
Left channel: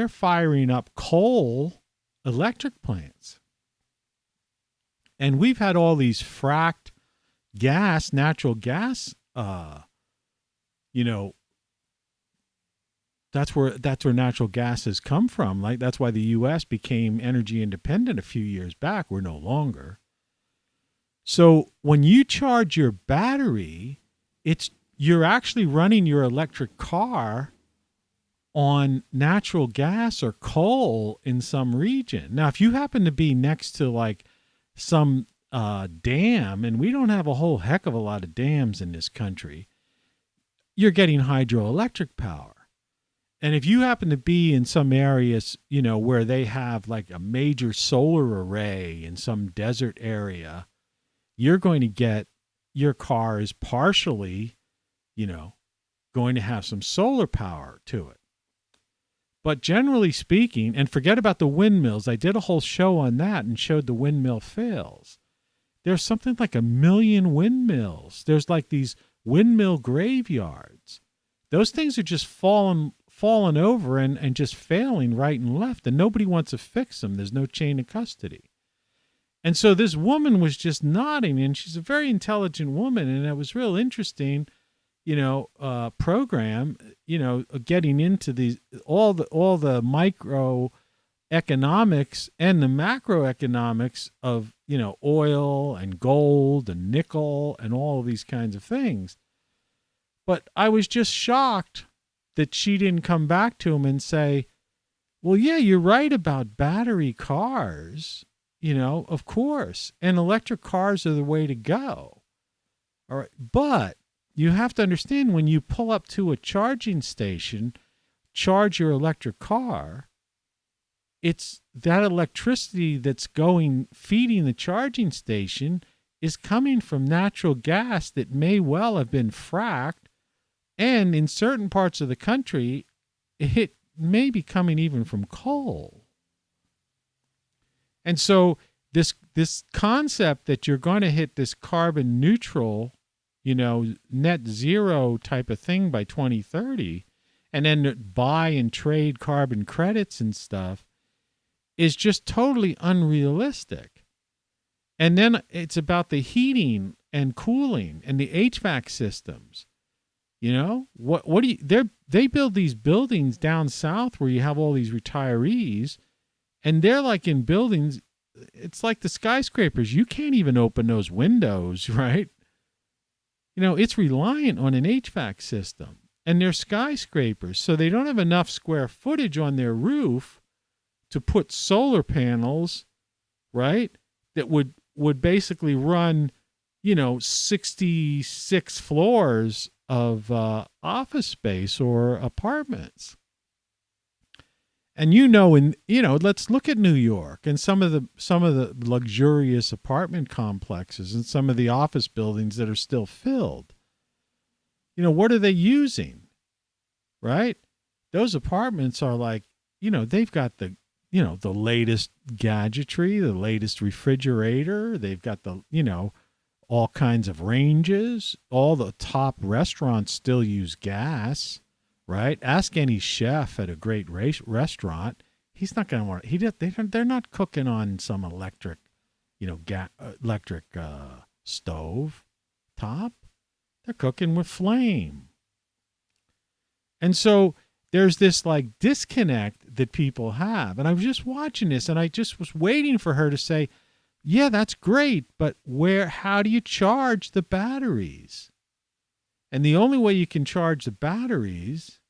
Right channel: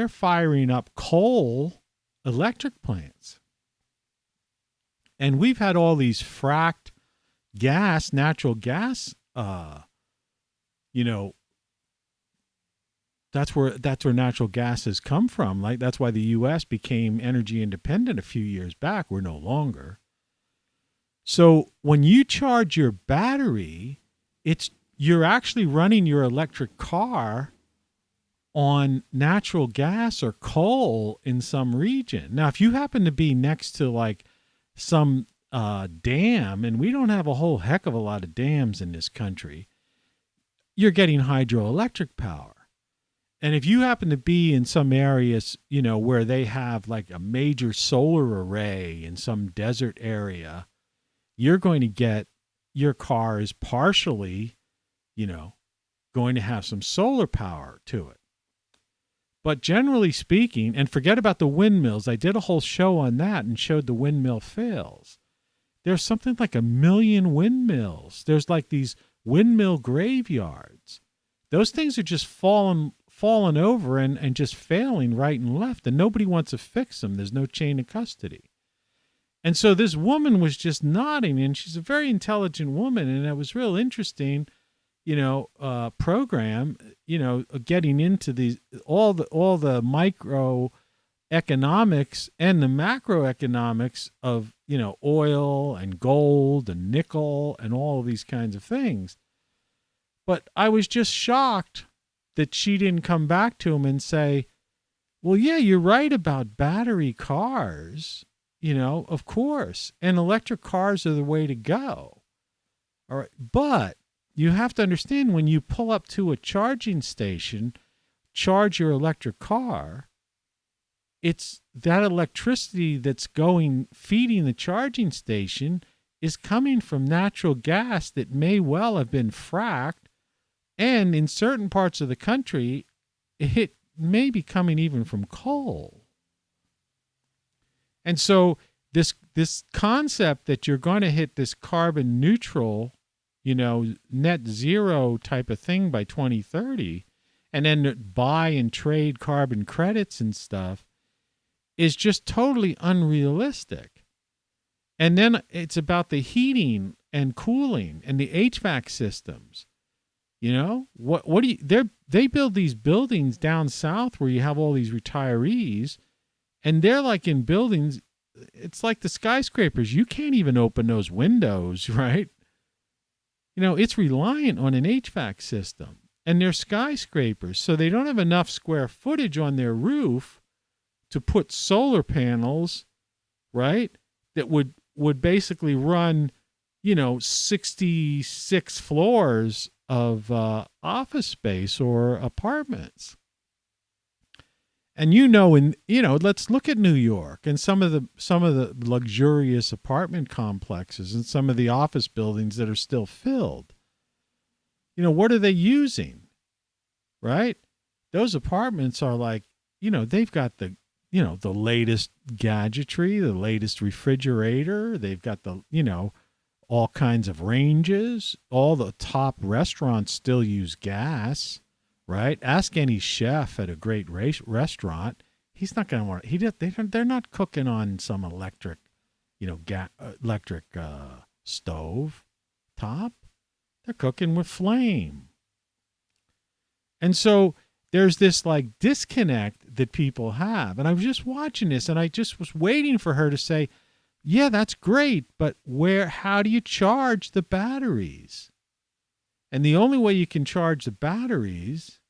firing up coal electric plants. And we've had all these fracked gas, natural gas, that's where natural gas has come from. Like, that's why the U.S. became energy independent a few years back. We're no longer. So when you charge your battery, you're actually running your electric car on natural gas or coal in some region. Now, if you happen to be next to like some dam, and we don't have a whole heck of a lot of dams in this country, you're getting hydroelectric power. And if you happen to be in some areas, where they have like a major solar array in some desert area, you're going to get, your car is partially, going to have some solar power to it. But generally speaking, and forget about the windmills. I did a whole show on that and showed the windmill fails. There's something like 1 million windmills. There's like these windmill graveyards. Those things are just falling over and just failing right and left, and nobody wants to fix them. There's no chain of custody. And so this woman was just nodding, and she's a very intelligent woman, and it was real interesting, program, getting into these all the microeconomics and the macroeconomics of, oil and gold and nickel and all of these kinds of things. But I was just shocked that she didn't come back to him and say, well, yeah, you're right about battery cars, of course, and electric cars are the way to go. All right. But you have to understand, when you pull up to a charging station, charge your electric car, it's that electricity that's feeding the charging station is coming from natural gas that may well have been fracked. And in certain parts of the country, it may be coming even from coal. And so this concept that you're going to hit this carbon neutral, net zero type of thing by 2030, and then buy and trade carbon credits and stuff, is just totally unrealistic. And then it's about the heating and cooling and the HVAC systems. What do you, they build these buildings down south where you have all these retirees, and they're like in buildings, it's like the skyscrapers. You can't even open those windows, right? it's reliant on an HVAC system. And they're skyscrapers, so they don't have enough square footage on their roof to put solar panels, right, that would basically run, 66 floors of office space or apartments. And let's look at New York and some of the luxurious apartment complexes and some of the office buildings that are still filled. What are they using? Right? Those apartments are like, they've got the latest gadgetry, the latest refrigerator. They've got all kinds of ranges. All the top restaurants still use gas, right? Ask any chef at a great restaurant. He's not going to want, they're not cooking on some electric, electric stove top. They're cooking with flame. And so there's this like disconnect that people have. And I was just watching this and I just was waiting for her to say, yeah, that's great, but how do you charge the batteries? And the only way you can charge the batteries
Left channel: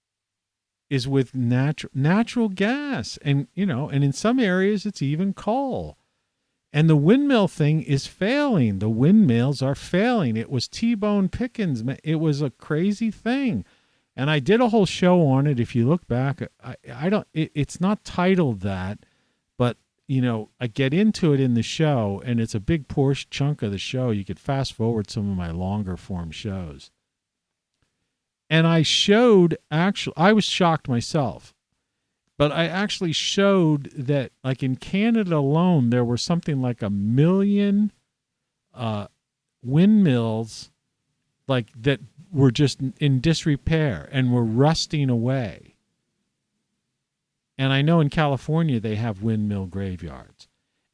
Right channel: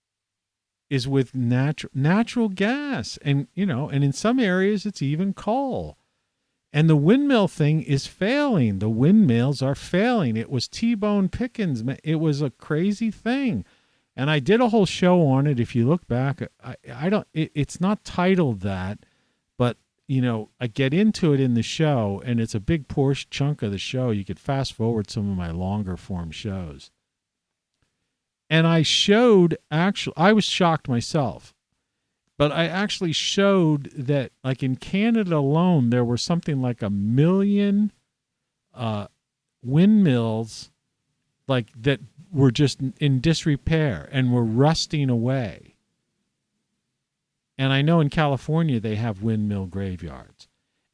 is with natural gas. And, and in some areas it's even coal. And the windmill thing is failing. The windmills are failing. It was T-Bone Pickens. It was a crazy thing. And I did a whole show on it. If you look back, it's not titled that, but, I get into it in the show, and it's a big chunk of the show. You could fast forward some of my longer form shows. And I was shocked myself. But I actually showed that, like in Canada alone, there were something like 1 million windmills, like that were just in disrepair and were rusting away. And I know in California they have windmill graveyards.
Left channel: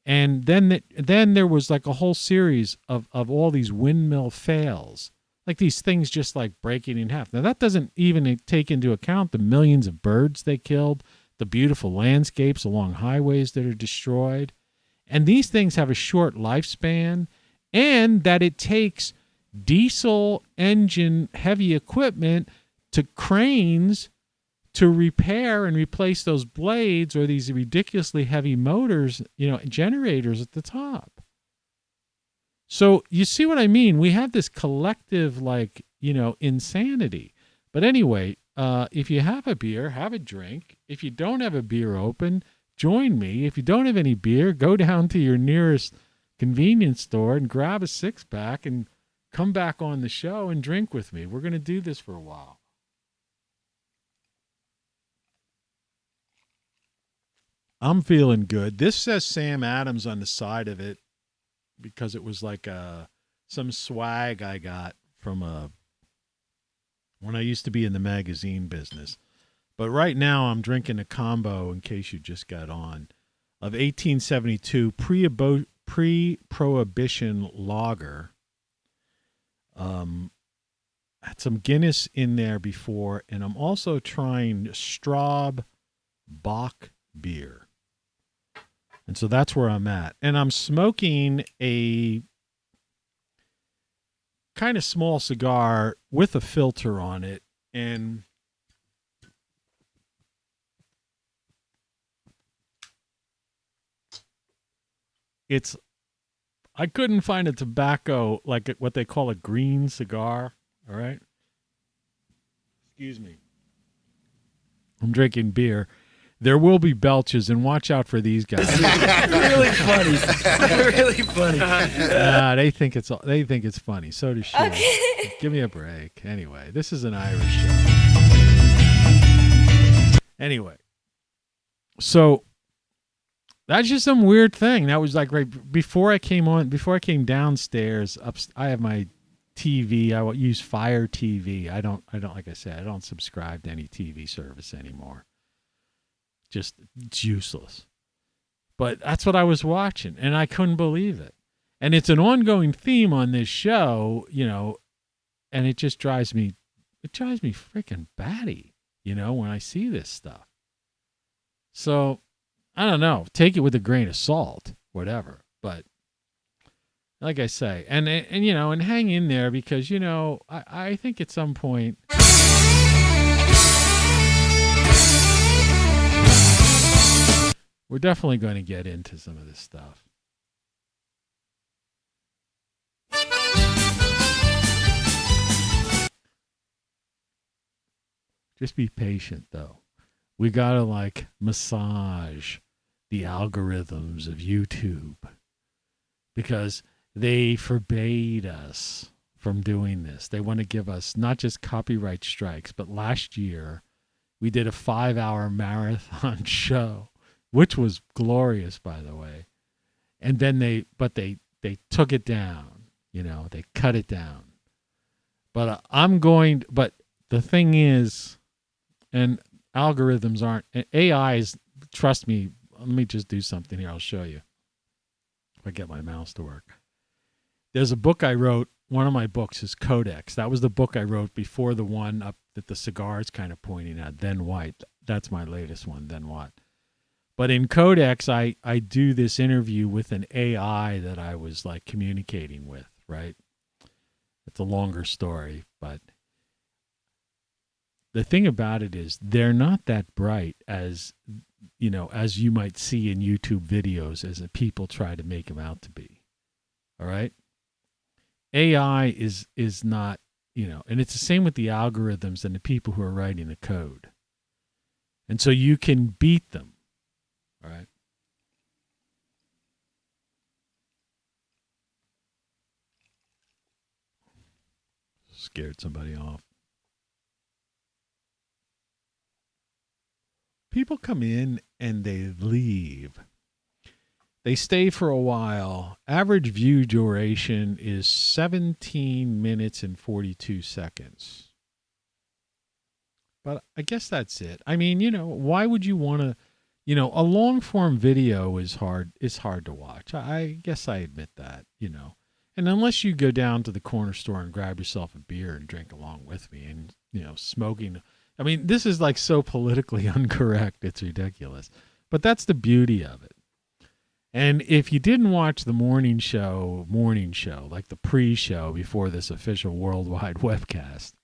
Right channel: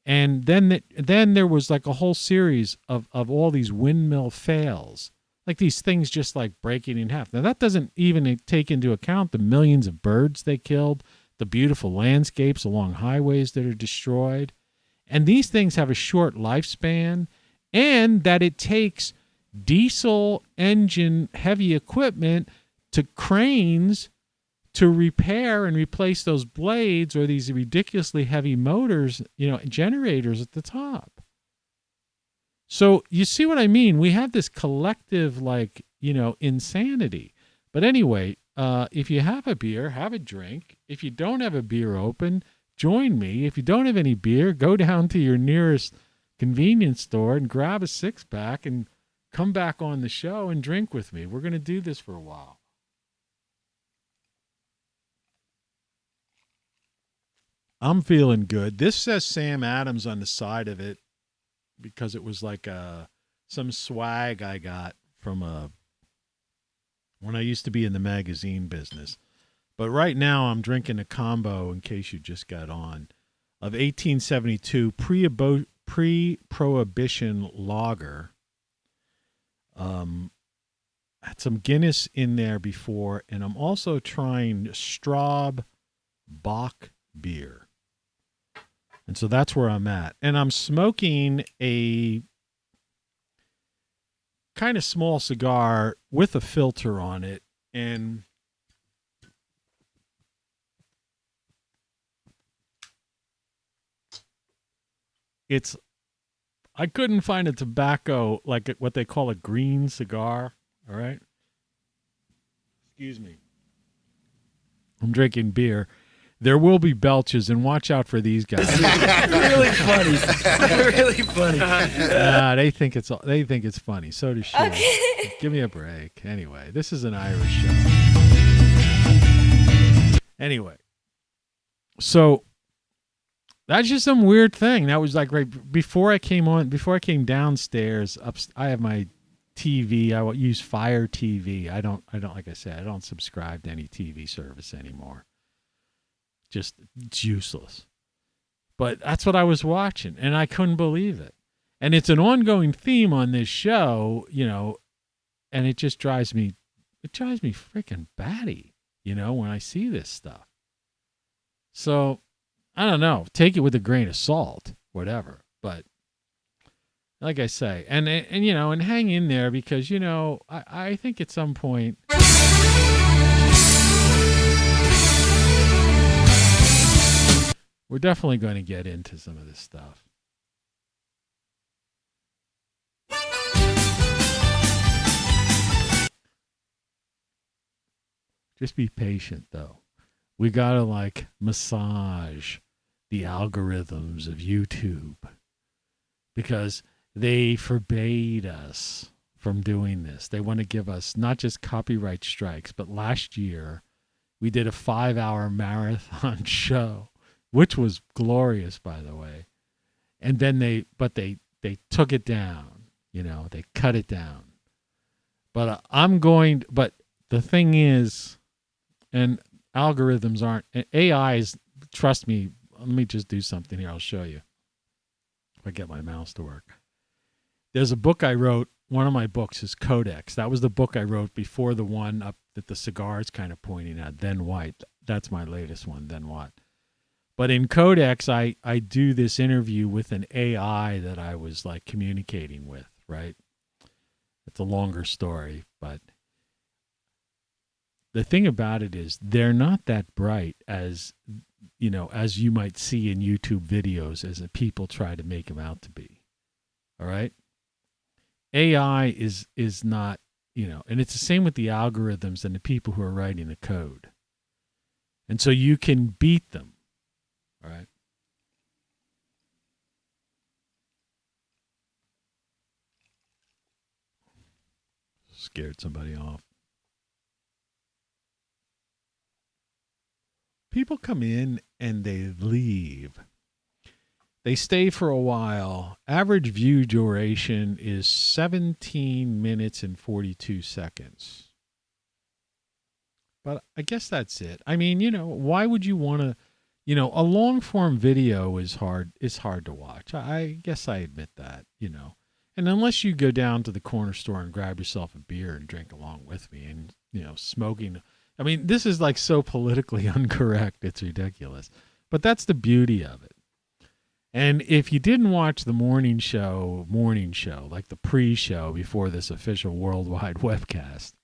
And then there was like a whole series of all these windmill fails, like these things just like breaking in half. Now that doesn't even take into account the millions of birds they killed, the beautiful landscapes along highways that are destroyed. And these things have a short lifespan, and that it takes diesel engine heavy equipment to cranes to repair and replace those blades or these ridiculously heavy motors, generators at the top. So you see what I mean? We have this collective, insanity. But anyway, if you have a beer, have a drink. If you don't have a beer open, join me. If you don't have any beer, go down to your nearest convenience store and grab a 6-pack and come back on the show and drink with me. We're going to do this for a while. I'm feeling good. This says Sam Adams on the side of it because it was like some swag I got from when I used to be in the magazine business. But right now I'm drinking a combo, in case you just got on, of 1872 pre-prohibition lager. Had some Guinness in there before, and I'm also trying Straub Bock beer. And so that's where I'm at. And I'm smoking a kind of small cigar with a filter on it. And I couldn't find a tobacco like what they call a green cigar. All right. Excuse me. I'm drinking beer. There will be belches, and watch out for these guys. Really funny. Really funny. They think it's funny. So does she. Okay. Give me a break. Anyway, this is an Irish show. Anyway, so that's just some weird thing. That was like right before I came downstairs. I have my TV. I use Fire TV. I don't like I said, I don't subscribe to any TV service anymore. Just, it's useless. But that's what I was watching, and I couldn't believe it. And it's an ongoing theme on this show, and it just drives me freaking batty, when I see this stuff. So, I don't know. Take it with a grain of salt, whatever. But like I say, and and hang in there because I think at some point we're definitely going to get into some of this stuff. Just be patient, though. We got to massage the algorithms of YouTube because they forbade us from doing this. They want to give us not just copyright strikes, but last year we did a 5-hour marathon show, which was glorious, by the way. And then they took it down, they cut it down. But but the thing is, and algorithms aren't, AIs, trust me, let me just do something here. I'll show you if I get my mouse to work. There's a book I wrote. One of my books is Codex. That was the book I wrote before the one up that the cigar is kind of pointing at, Then White. That's my latest one, Then What. But in Codex, I do this interview with an AI that I was communicating with, right? It's a longer story, but the thing about it is they're not that bright as you might see in YouTube videos as people try to make them out to be. All right? AI is not, and it's the same with the algorithms and the people who are writing the code. And so you can beat them. All right? Scared somebody off. People come in and they leave. They stay for a while. Average view duration is 17 minutes and 42 seconds. But I guess that's it. I mean, why would you want to, a long form video is hard to watch. I guess I admit that, And unless you go down to the corner store and grab yourself a beer and drink along with me and, smoking. I mean, this is so politically incorrect. It's ridiculous. But that's the beauty of it. And if you didn't watch the morning show, like the pre-show before this official worldwide webcast,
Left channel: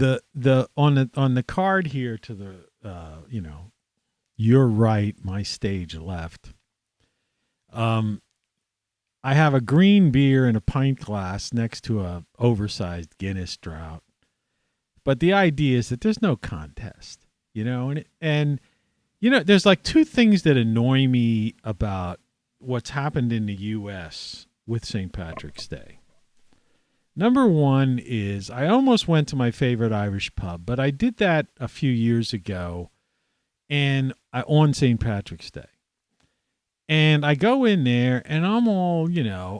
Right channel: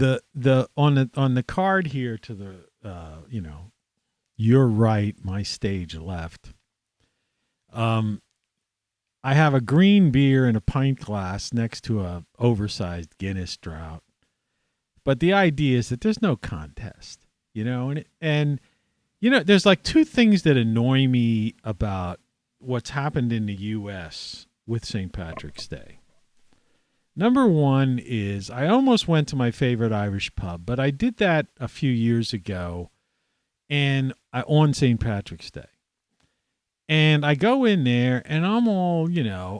on the card here to the your right, my stage left, I have a green beer in a pint glass next to a oversized Guinness draught. But the idea is that there's no contest, and there's two things that annoy me about what's happened in the U.S. with St. Patrick's Day. Number one is I almost went to my favorite Irish pub, but I did that a few years ago on St. Patrick's Day. And I go in there and I'm all,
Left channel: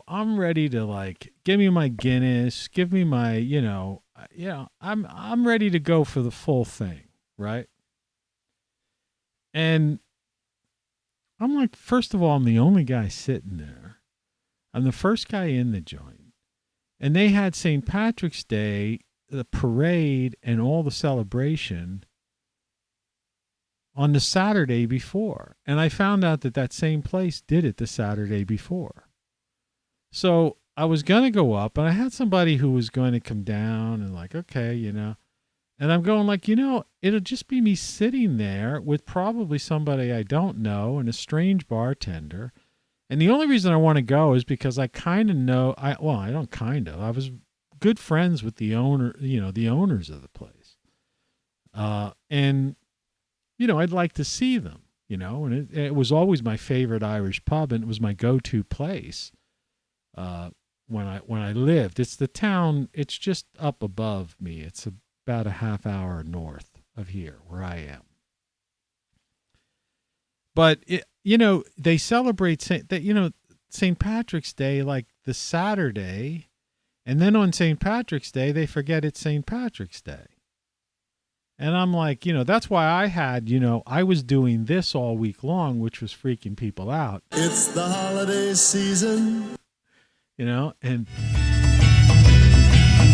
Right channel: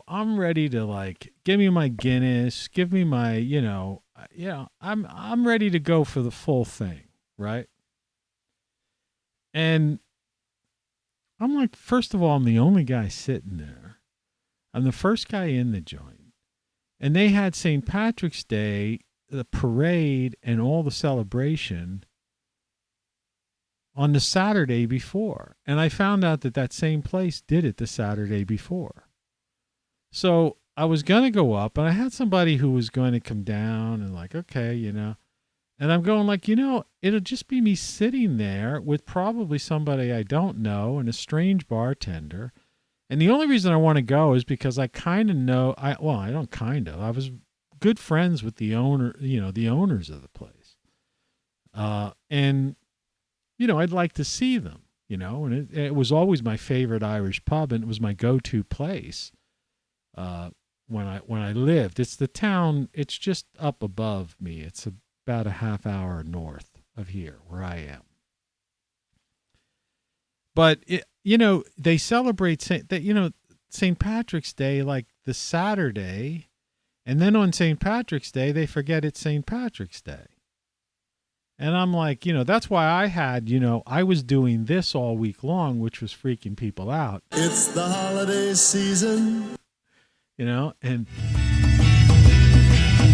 I'm ready to give me my Guinness, give me my, I'm ready to go for the full thing, right? And I'm first of all, I'm the only guy sitting there. I'm the first guy in the joint. And they had St. Patrick's Day, the parade and all the celebration on the Saturday before. And I found out that same place did it the Saturday before. So I was going to go up, and I had somebody who was going to come down and okay, And I'm going it'll just be me sitting there with probably somebody I don't know and a strange bartender. And the only reason I want to go is because I kind of know, I was good friends with the owner, the owners of the place. And I'd like to see them, and it was always my favorite Irish pub, and it was my go-to place when I lived. It's the town, it's just up above me. It's about a half hour north of here where I am. But, they celebrate St. Patrick's Day the Saturday, and then on St. Patrick's Day, they forget it's St. Patrick's Day. And I'm that's why I had, I was doing this all week long, which was freaking people out. It's the holiday season. And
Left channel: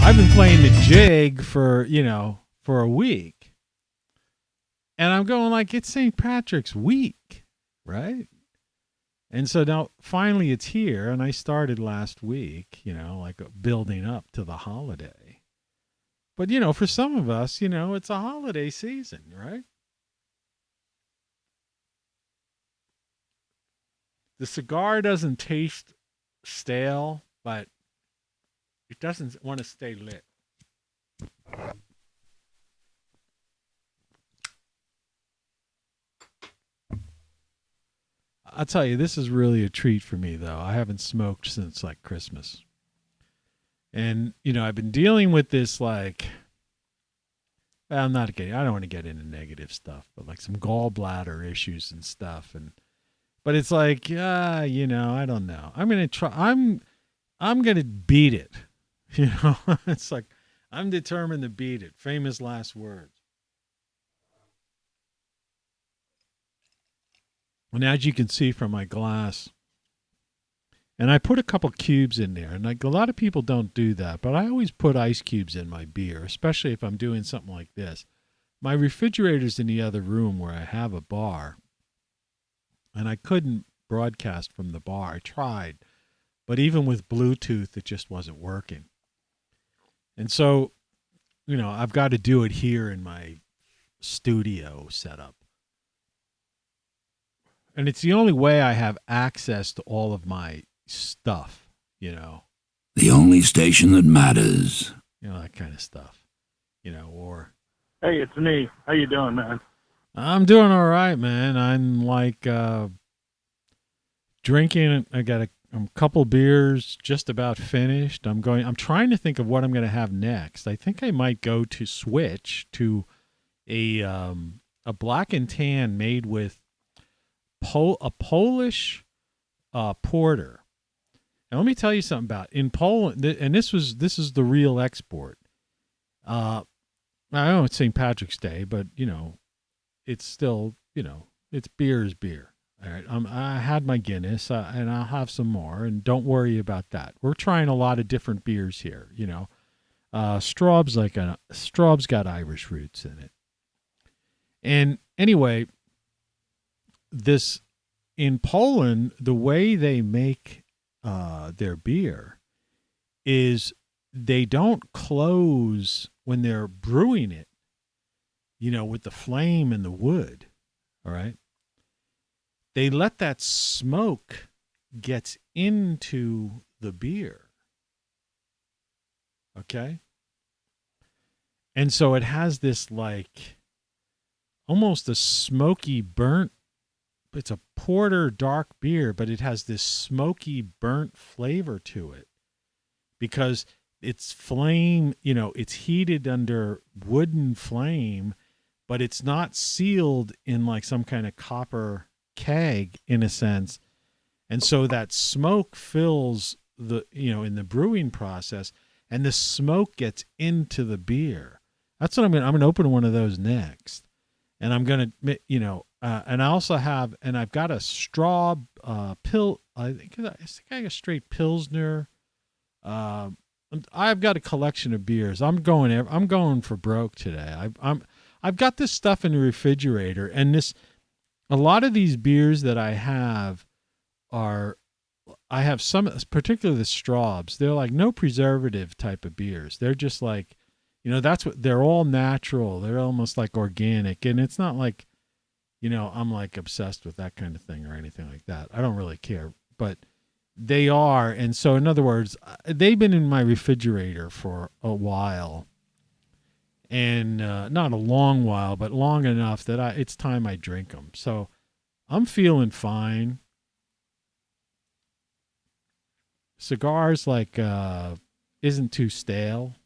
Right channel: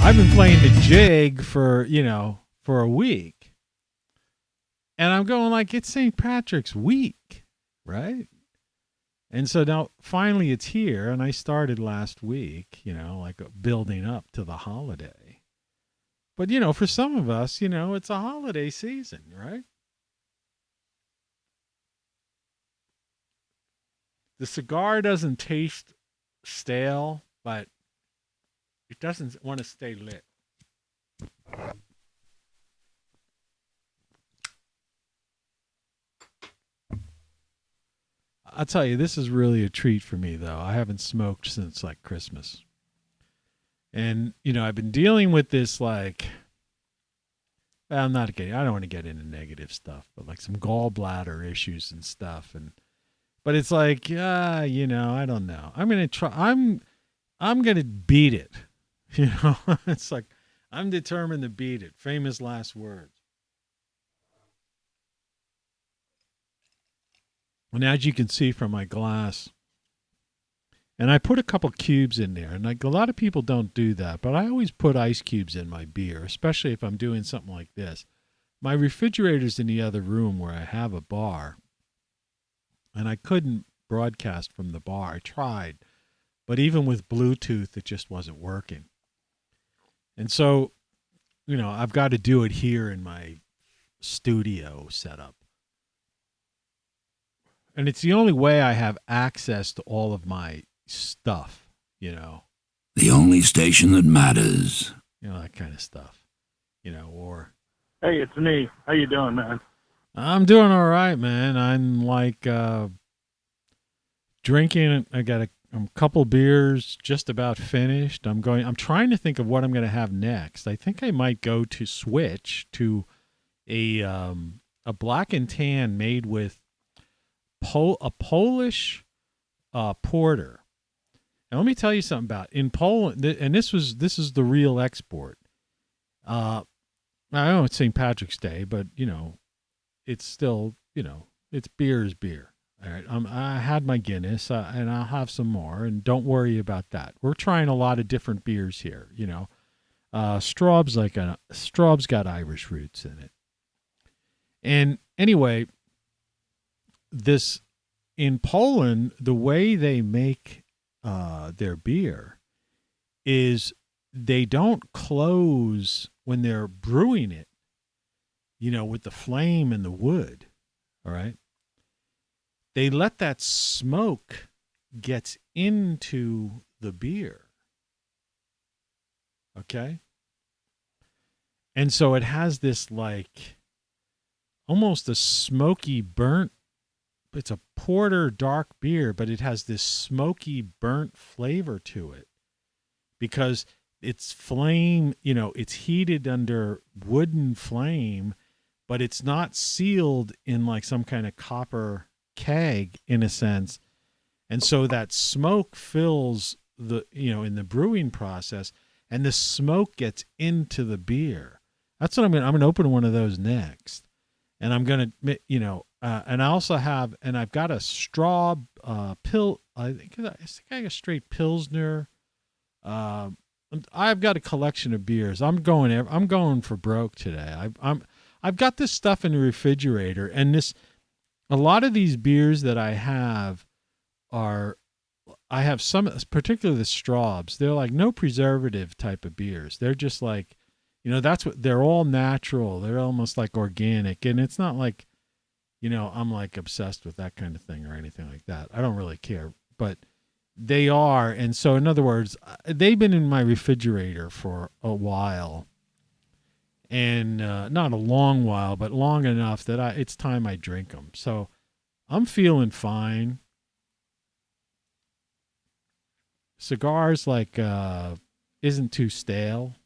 I've been playing the jig for a week. And I'm going it's St. Patrick's week, right? And so now finally it's here, and I started last week, like building up to the holiday. But, for some of us, it's a holiday season, right? The cigar doesn't taste stale, but it doesn't want to stay lit. I'll tell you, this is really a treat for me, though. I haven't smoked since like Christmas. And, I've been dealing with this I'm not getting, I don't want to get into negative stuff, but like some gallbladder issues and stuff. But it's like, I don't know. I'm going to try, I'm going to beat it. It's like, I'm determined to beat it. Famous last words. And as you can see from my glass, and I put a couple cubes in there, and like a lot of people don't do that, but I always put ice cubes in my beer, especially if I'm doing something like this. My refrigerator's in the other room where I have a bar, and I couldn't broadcast from the bar. I tried, but even with Bluetooth, it just wasn't working. And so, I've got to do it here in my studio setup. And it's the only way I have access to all of my stuff, The only station that matters. That kind of stuff, or. Hey, it's me. How you doing, man? I'm doing all right, man. I'm like drinking. I got a couple beers just about finished. I'm trying to think of what I'm going to have next. I think I might go to switch to a black and tan made with a Polish porter. And let me tell you something about in Poland, and this is the real export. I know it's St. Patrick's Day, but it's still it's beer is beer. All right, I had my Guinness, and I'll have some more, and don't worry about that. We're trying a lot of different beers here. Straub's got Irish roots in it, and anyway. This in Poland, the way they make their beer is they don't close when they're brewing it, with the flame and the wood. All right. They let that smoke gets into the beer. Okay. And so it has this almost a smoky burnt. It's a porter dark beer, but it has this smoky burnt flavor to it because it's flame, it's heated under wooden flame, but it's not sealed in like some kind of copper keg in a sense. And so that smoke fills the, in the brewing process, and the smoke gets into the beer. That's what I'm going to open one of those next. And I'm going to, and I also have, and I've got a Straub pill. I think I got a straight Pilsner. I've got a collection of beers. I'm going for broke today. I've got this stuff in the refrigerator, and a lot of these beers that I have I have some, particularly the Straubs. They're like no preservative type of beers. They're just like, that's what they're all natural. They're almost like organic, and it's not like. I'm like obsessed with that kind of thing or anything like that. I don't really care, but they are. And so in other words, they've been in my refrigerator for a while, and not a long while, but long enough that it's time I drink them. So I'm feeling fine. Cigars isn't too stale,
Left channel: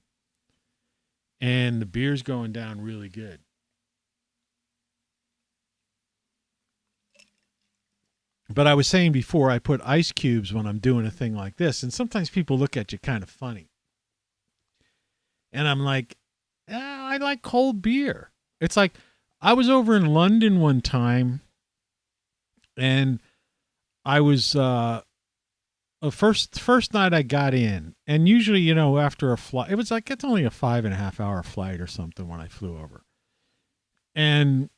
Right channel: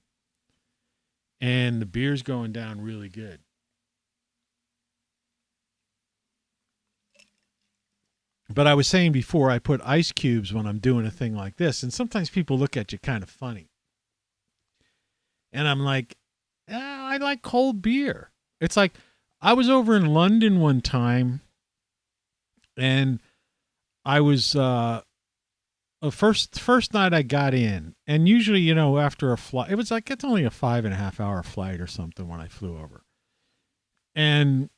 and the beer's going down really good. But I was saying before, I put ice cubes when I'm doing a thing like this, and sometimes people look at you kind of funny. And I'm like, I like cold beer. It's like I was over in London one time, and I was first night I got in, and usually after a flight, it was like it's only a 5.5 hour flight or something when I flew over, and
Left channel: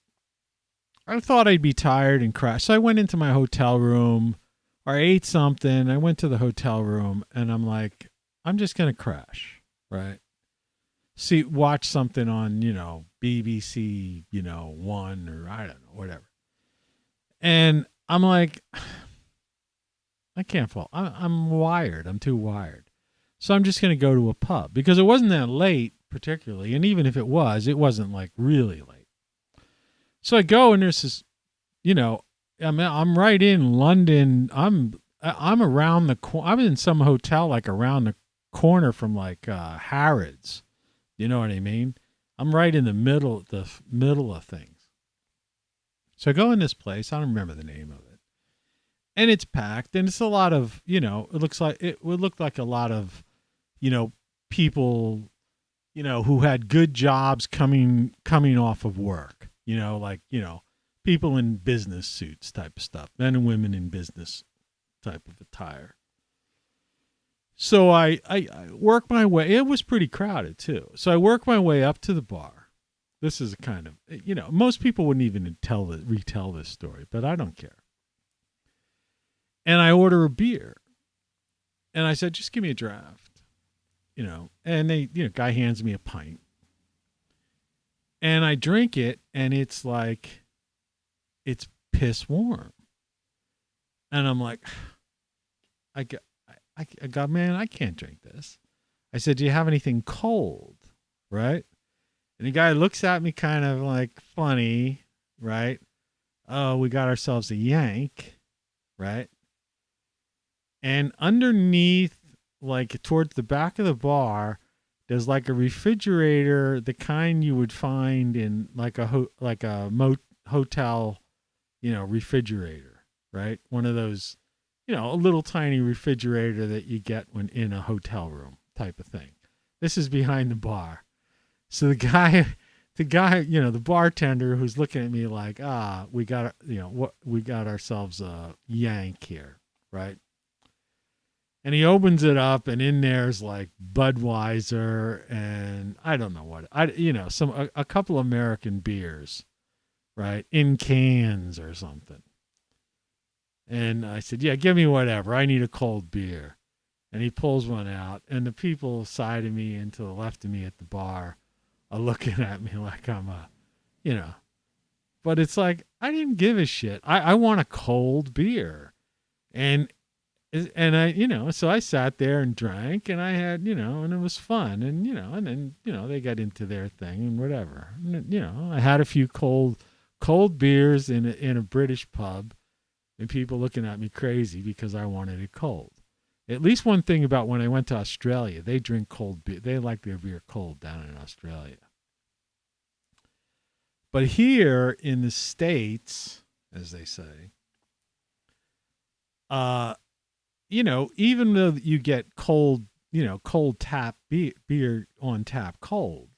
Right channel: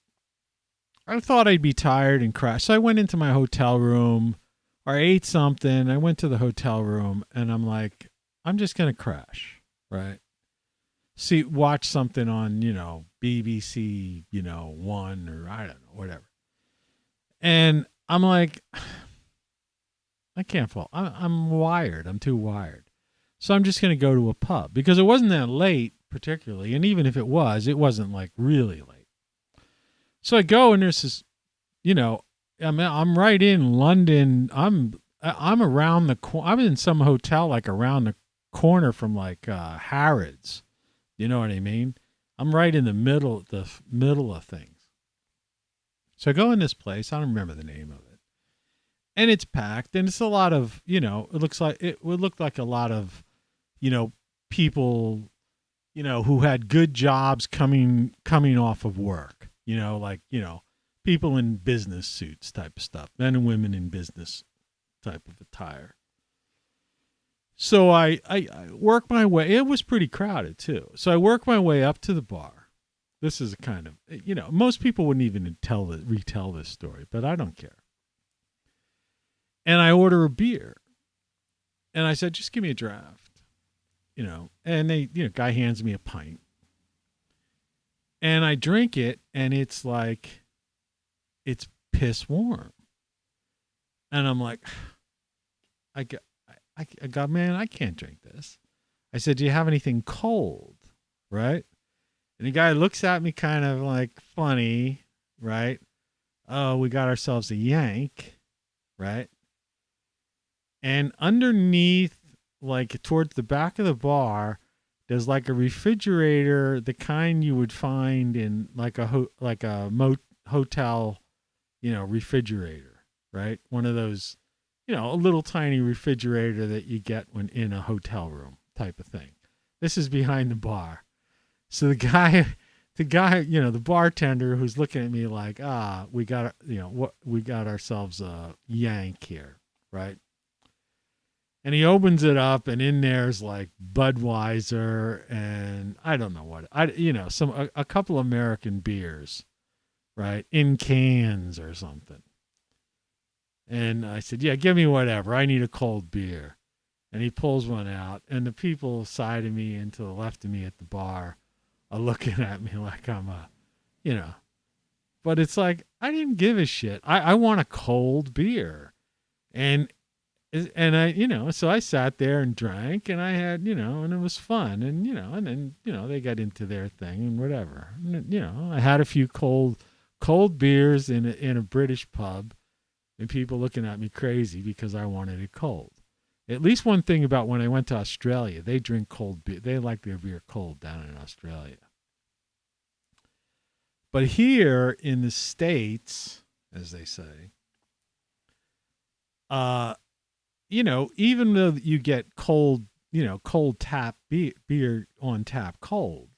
I thought I'd be tired and crash. So I went into my hotel room, or I ate something. I went to the hotel room and I'm like, I'm just going to crash, right? Watch something on, BBC, One, or I don't know, whatever. And I'm like, I can't fall. I'm wired. I'm too wired. So I'm just going to go to a pub because it wasn't that late particularly. And even if it wasn't like really late. So I go and there's this, I'm right in London. I'm around the corner. I'm in some hotel like around the corner from like Harrods. You know what I mean? I'm right in the middle of things. So I go in this place. I don't remember the name of it. And it's packed and it's a lot of, it would look like a lot of, people, who had good jobs coming off of work, people in business suits type of stuff, men and women in business type of attire. So I work my way. It was pretty crowded too. So I work my way up to the bar. This is a kind of, most people wouldn't even retell this story, but I don't care. And I order a beer. And I said, just give me a draft. And they, guy hands me a pint. And I drink it and it's like, it's piss warm. And I'm like, I got, man, I can't drink this. I said, do you have anything cold? Right? And the guy looks at me kind of like funny, right? Oh, we got ourselves a yank, right? And underneath, like towards the back of the bar, there's like a refrigerator, the kind you would find in like a hotel, refrigerator, right? One of those, a little tiny refrigerator that you get when in a hotel room type of thing. This is behind the bar. So the guy, the bartender who's looking at me like, we got ourselves a yank here, right? And he opens it up, and in there's like Budweiser and I don't know what, a couple American beers, right, in cans or something. And I said, yeah, give me whatever. I need a cold beer. And he pulls one out, and the people side of me and to the left of me at the bar are looking at me like I'm but it's like, I didn't give a shit. I want a cold beer. And I, so I sat there and drank and I had, and it was fun. And, and then, they got into their thing and whatever. And, I had a few cold beers in a British pub and people looking at me crazy because I wanted it cold. At least one thing about when I went to Australia, they drink cold beer. They like their beer cold down in Australia. But here in the States, as they say, even though you get cold, cold tap beer on tap cold,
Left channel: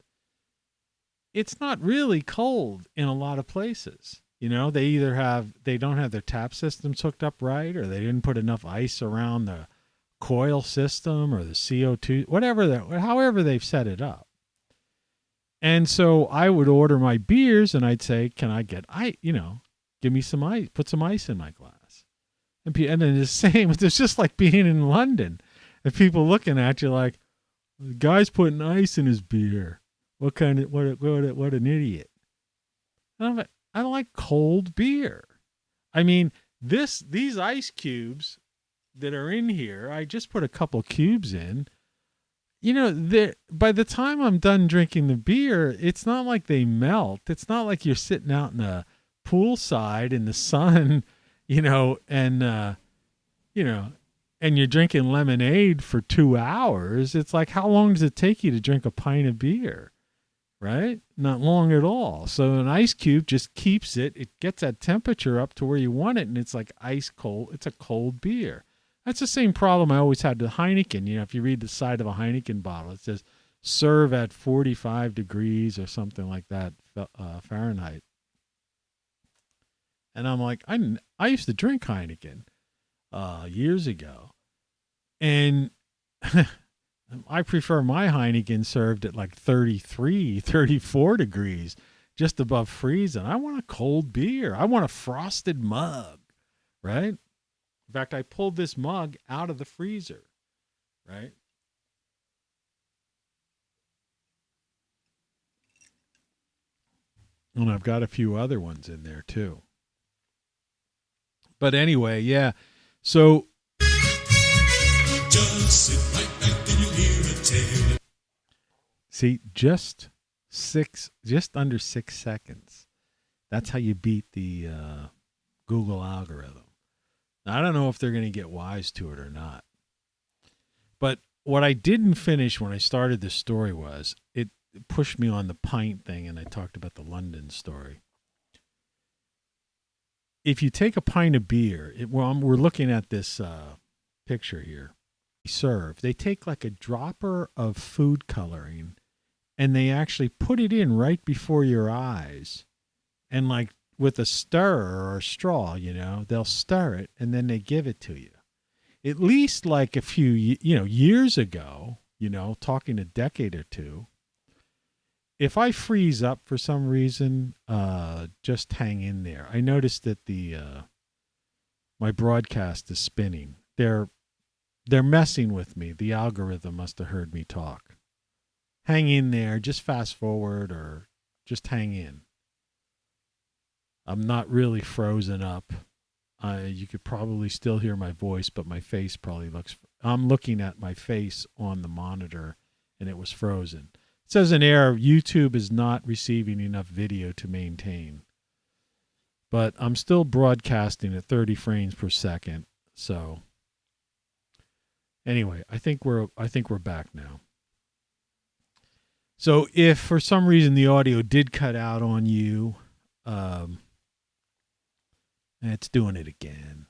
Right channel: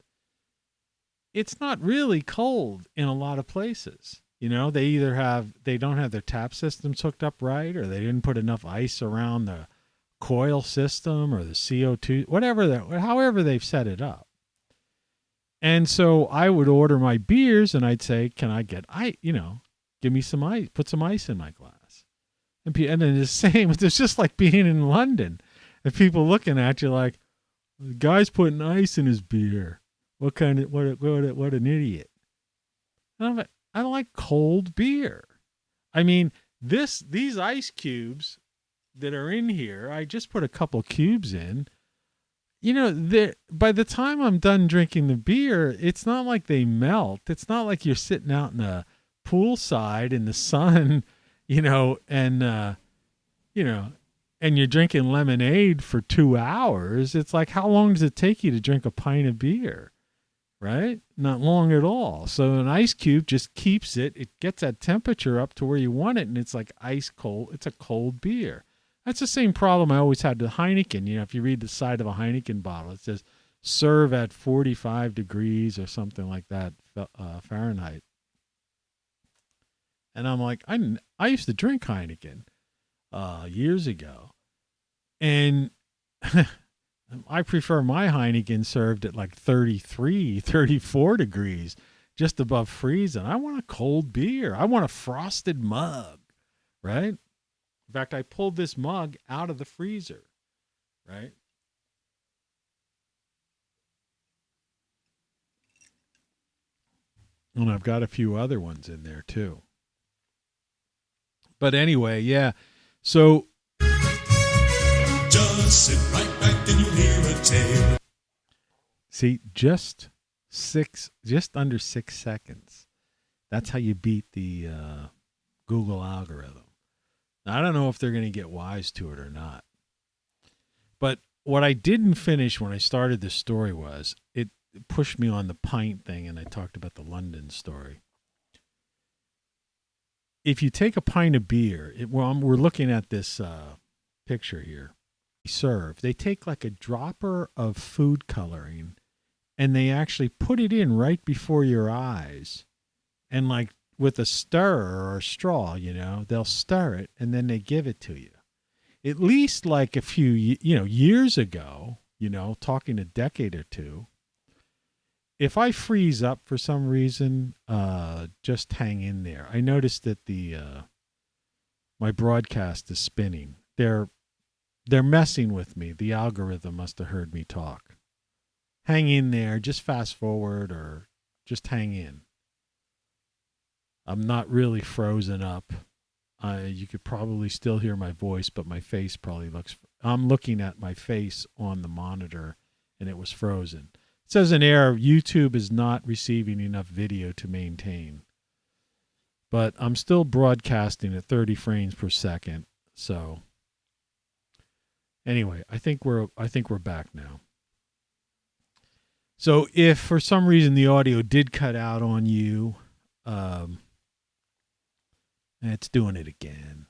it's not really cold in a lot of places. They don't have their tap systems hooked up right, or they didn't put enough ice around the coil system or the CO2, however they've set it up. And so I would order my beers and I'd say, can I get give me some ice, put some ice in my glass. And then the same, it's just like being in London and people looking at you like, the guy's putting ice in his beer. What an idiot. And I'm like, I like cold beer. I mean, these ice cubes that are in here, I just put a couple cubes in. By the time I'm done drinking the beer, it's not like they melt. It's not like you're sitting out in the poolside in the sun, and you're drinking lemonade for 2 hours. It's like, how long does it take you to drink a pint of beer? Right? Not long at all. So an ice cube just keeps it. It gets that temperature up to where you want it, and it's like ice cold. It's a cold beer. That's the same problem I always had with Heineken. If you read the side of a Heineken bottle, it says serve at 45 degrees or something like that, Fahrenheit. And I'm like, I used to drink Heineken years ago. And I prefer my Heineken served at like 33, 34 degrees, just above freezing. I want a cold beer. I want a frosted mug, right? In fact, I pulled this mug out of the freezer, right? And I've got a few other ones in there too. But anyway, yeah. So Just sit right back and you'll hear a tale. see, just under 6 seconds. That's how you beat the Google algorithm. Now, I don't know if they're going to get wise to it or not. But what I didn't finish when I started this story was it pushed me on the pint thing, and I talked about the London story. If you take a pint of beer, we're looking at this picture here. They take like a dropper of food coloring, and they actually put it in right before your eyes, and like with a stirrer or a straw, they'll stir it and then they give it to you. At least like a few, years ago, talking a decade or two, if I freeze up for some reason, just hang in there. I noticed that my broadcast is spinning. They're messing with me. The algorithm must have heard me talk. Hang in there. Just fast forward or just hang in. I'm not really frozen up. You could probably still hear my voice, but my face probably I'm looking at my face on the monitor, and it was frozen. It says an error. YouTube is not receiving enough video to maintain. But I'm still broadcasting at 30 frames per second. So anyway, I think we're back now. So if for some reason the audio did cut out on you, it's doing it again.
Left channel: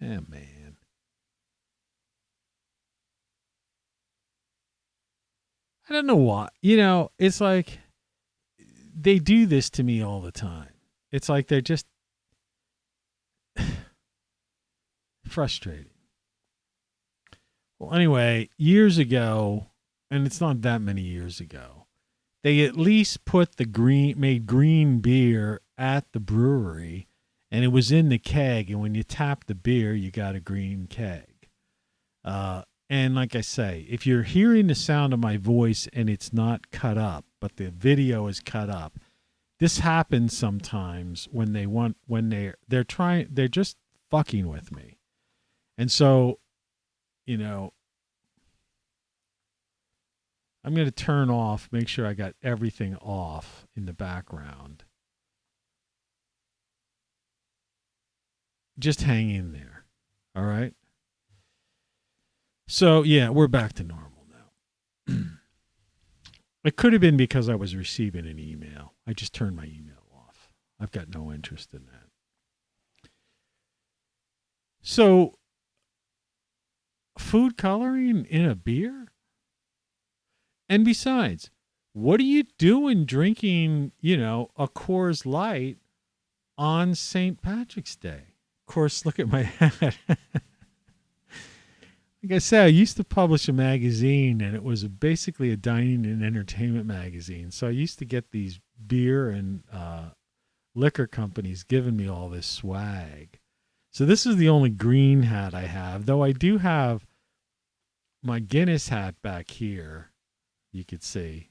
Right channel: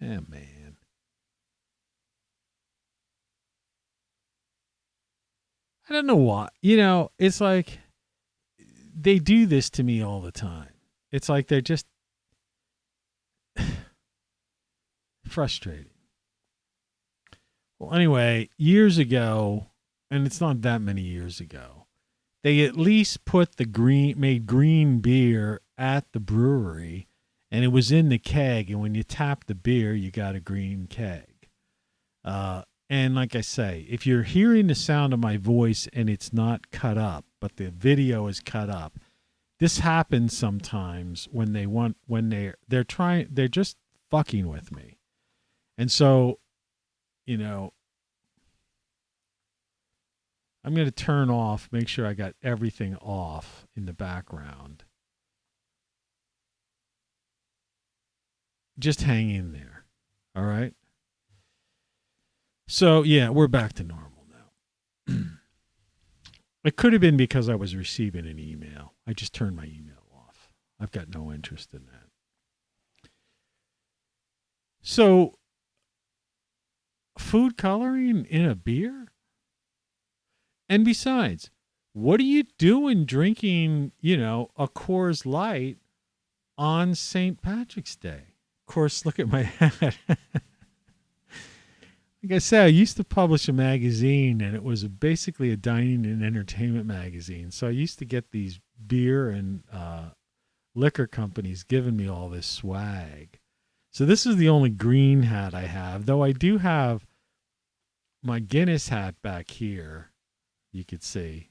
Oh, man. I don't know why. It's like they do this to me all the time. It's like they're just frustrating. Well, anyway, years ago, and it's not that many years ago, they at least made green beer at the brewery, and it was in the keg, and when you tap the beer, you got a green keg. And like I say, if you're hearing the sound of my voice and it's not cut up, but the video is cut up, this happens sometimes when they're just fucking with me. And so, I'm going to turn off, make sure I got everything off in the background. Just hang in there. All right? So, yeah, we're back to normal now. It could have been because I was receiving an email. I just turned my email off. I've got no interest in that. So, food coloring in a beer? And besides, what are you doing drinking, a Coors Light on St. Patrick's Day? Of course, look at my hat. Like I said, I used to publish a magazine, and it was basically a dining and entertainment magazine. So I used to get these beer and liquor companies giving me all this swag. So this is the only green hat I have, though I do have my Guinness hat back here, you could see.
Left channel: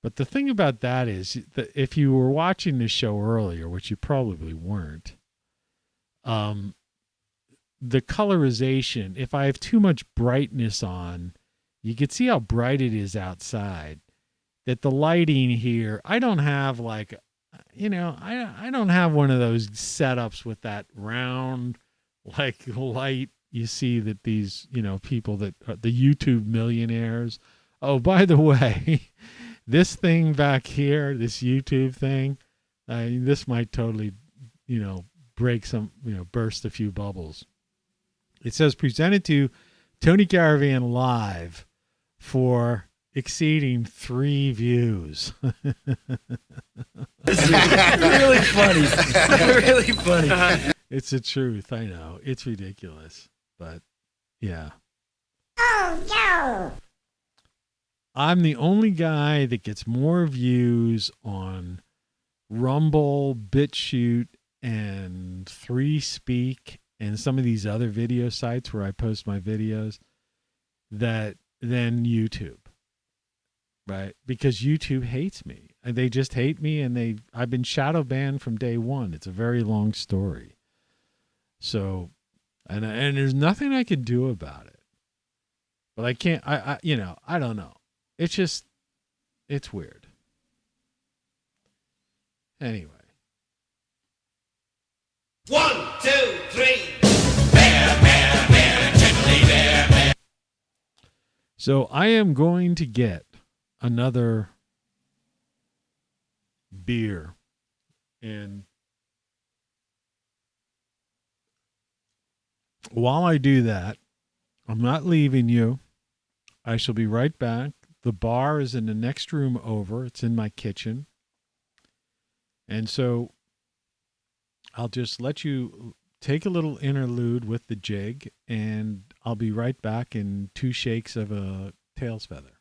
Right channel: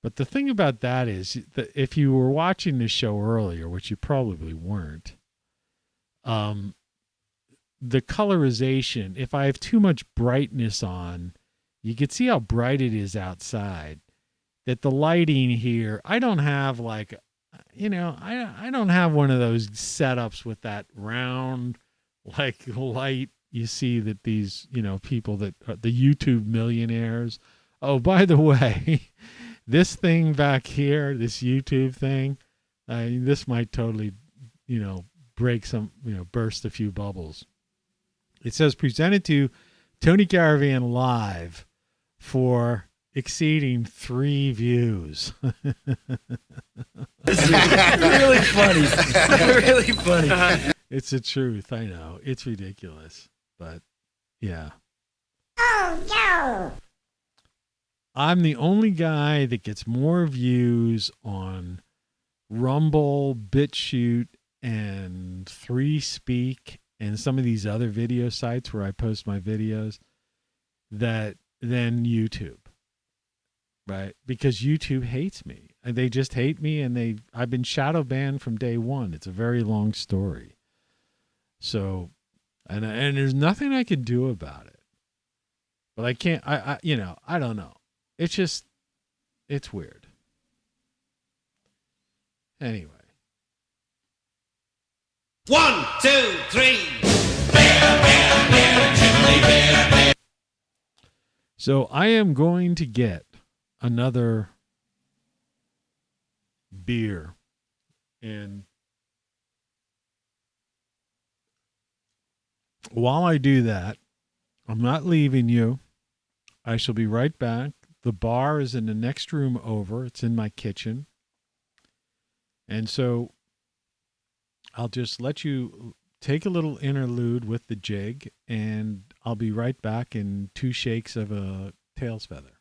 But the thing about that is that if you were watching this show earlier, which you probably weren't, the colorization, if I have too much brightness on, you can see how bright it is outside. That the lighting here, I don't have I don't have one of those setups with that round light you see that these, people that the YouTube millionaires. Oh, by the way, this thing back here, this YouTube thing, this might totally, break some, burst a few bubbles. It says presented to Tony Caravan Live for exceeding 3 views. Really funny. Really funny. It's the truth. I know. It's ridiculous. But, yeah. Oh, no. I'm the only guy that gets more views on Rumble, BitChute, and 3Speak and some of these other video sites where I post my videos than YouTube. Right? Because YouTube hates me. They just hate me, and I've been shadow banned from day one. It's a very long story. So, and there's nothing I can do about it. But I can't, I don't know. It's just, it's weird. Anyway. 1, 2, 3. So I am going to get another beer, and while I do that, I'm not leaving you. I shall be right back. The bar is in the next room over. It's in my kitchen. And so I'll just let you take a little interlude with the jig, and I'll be right back in 2 shakes of a tail's feather.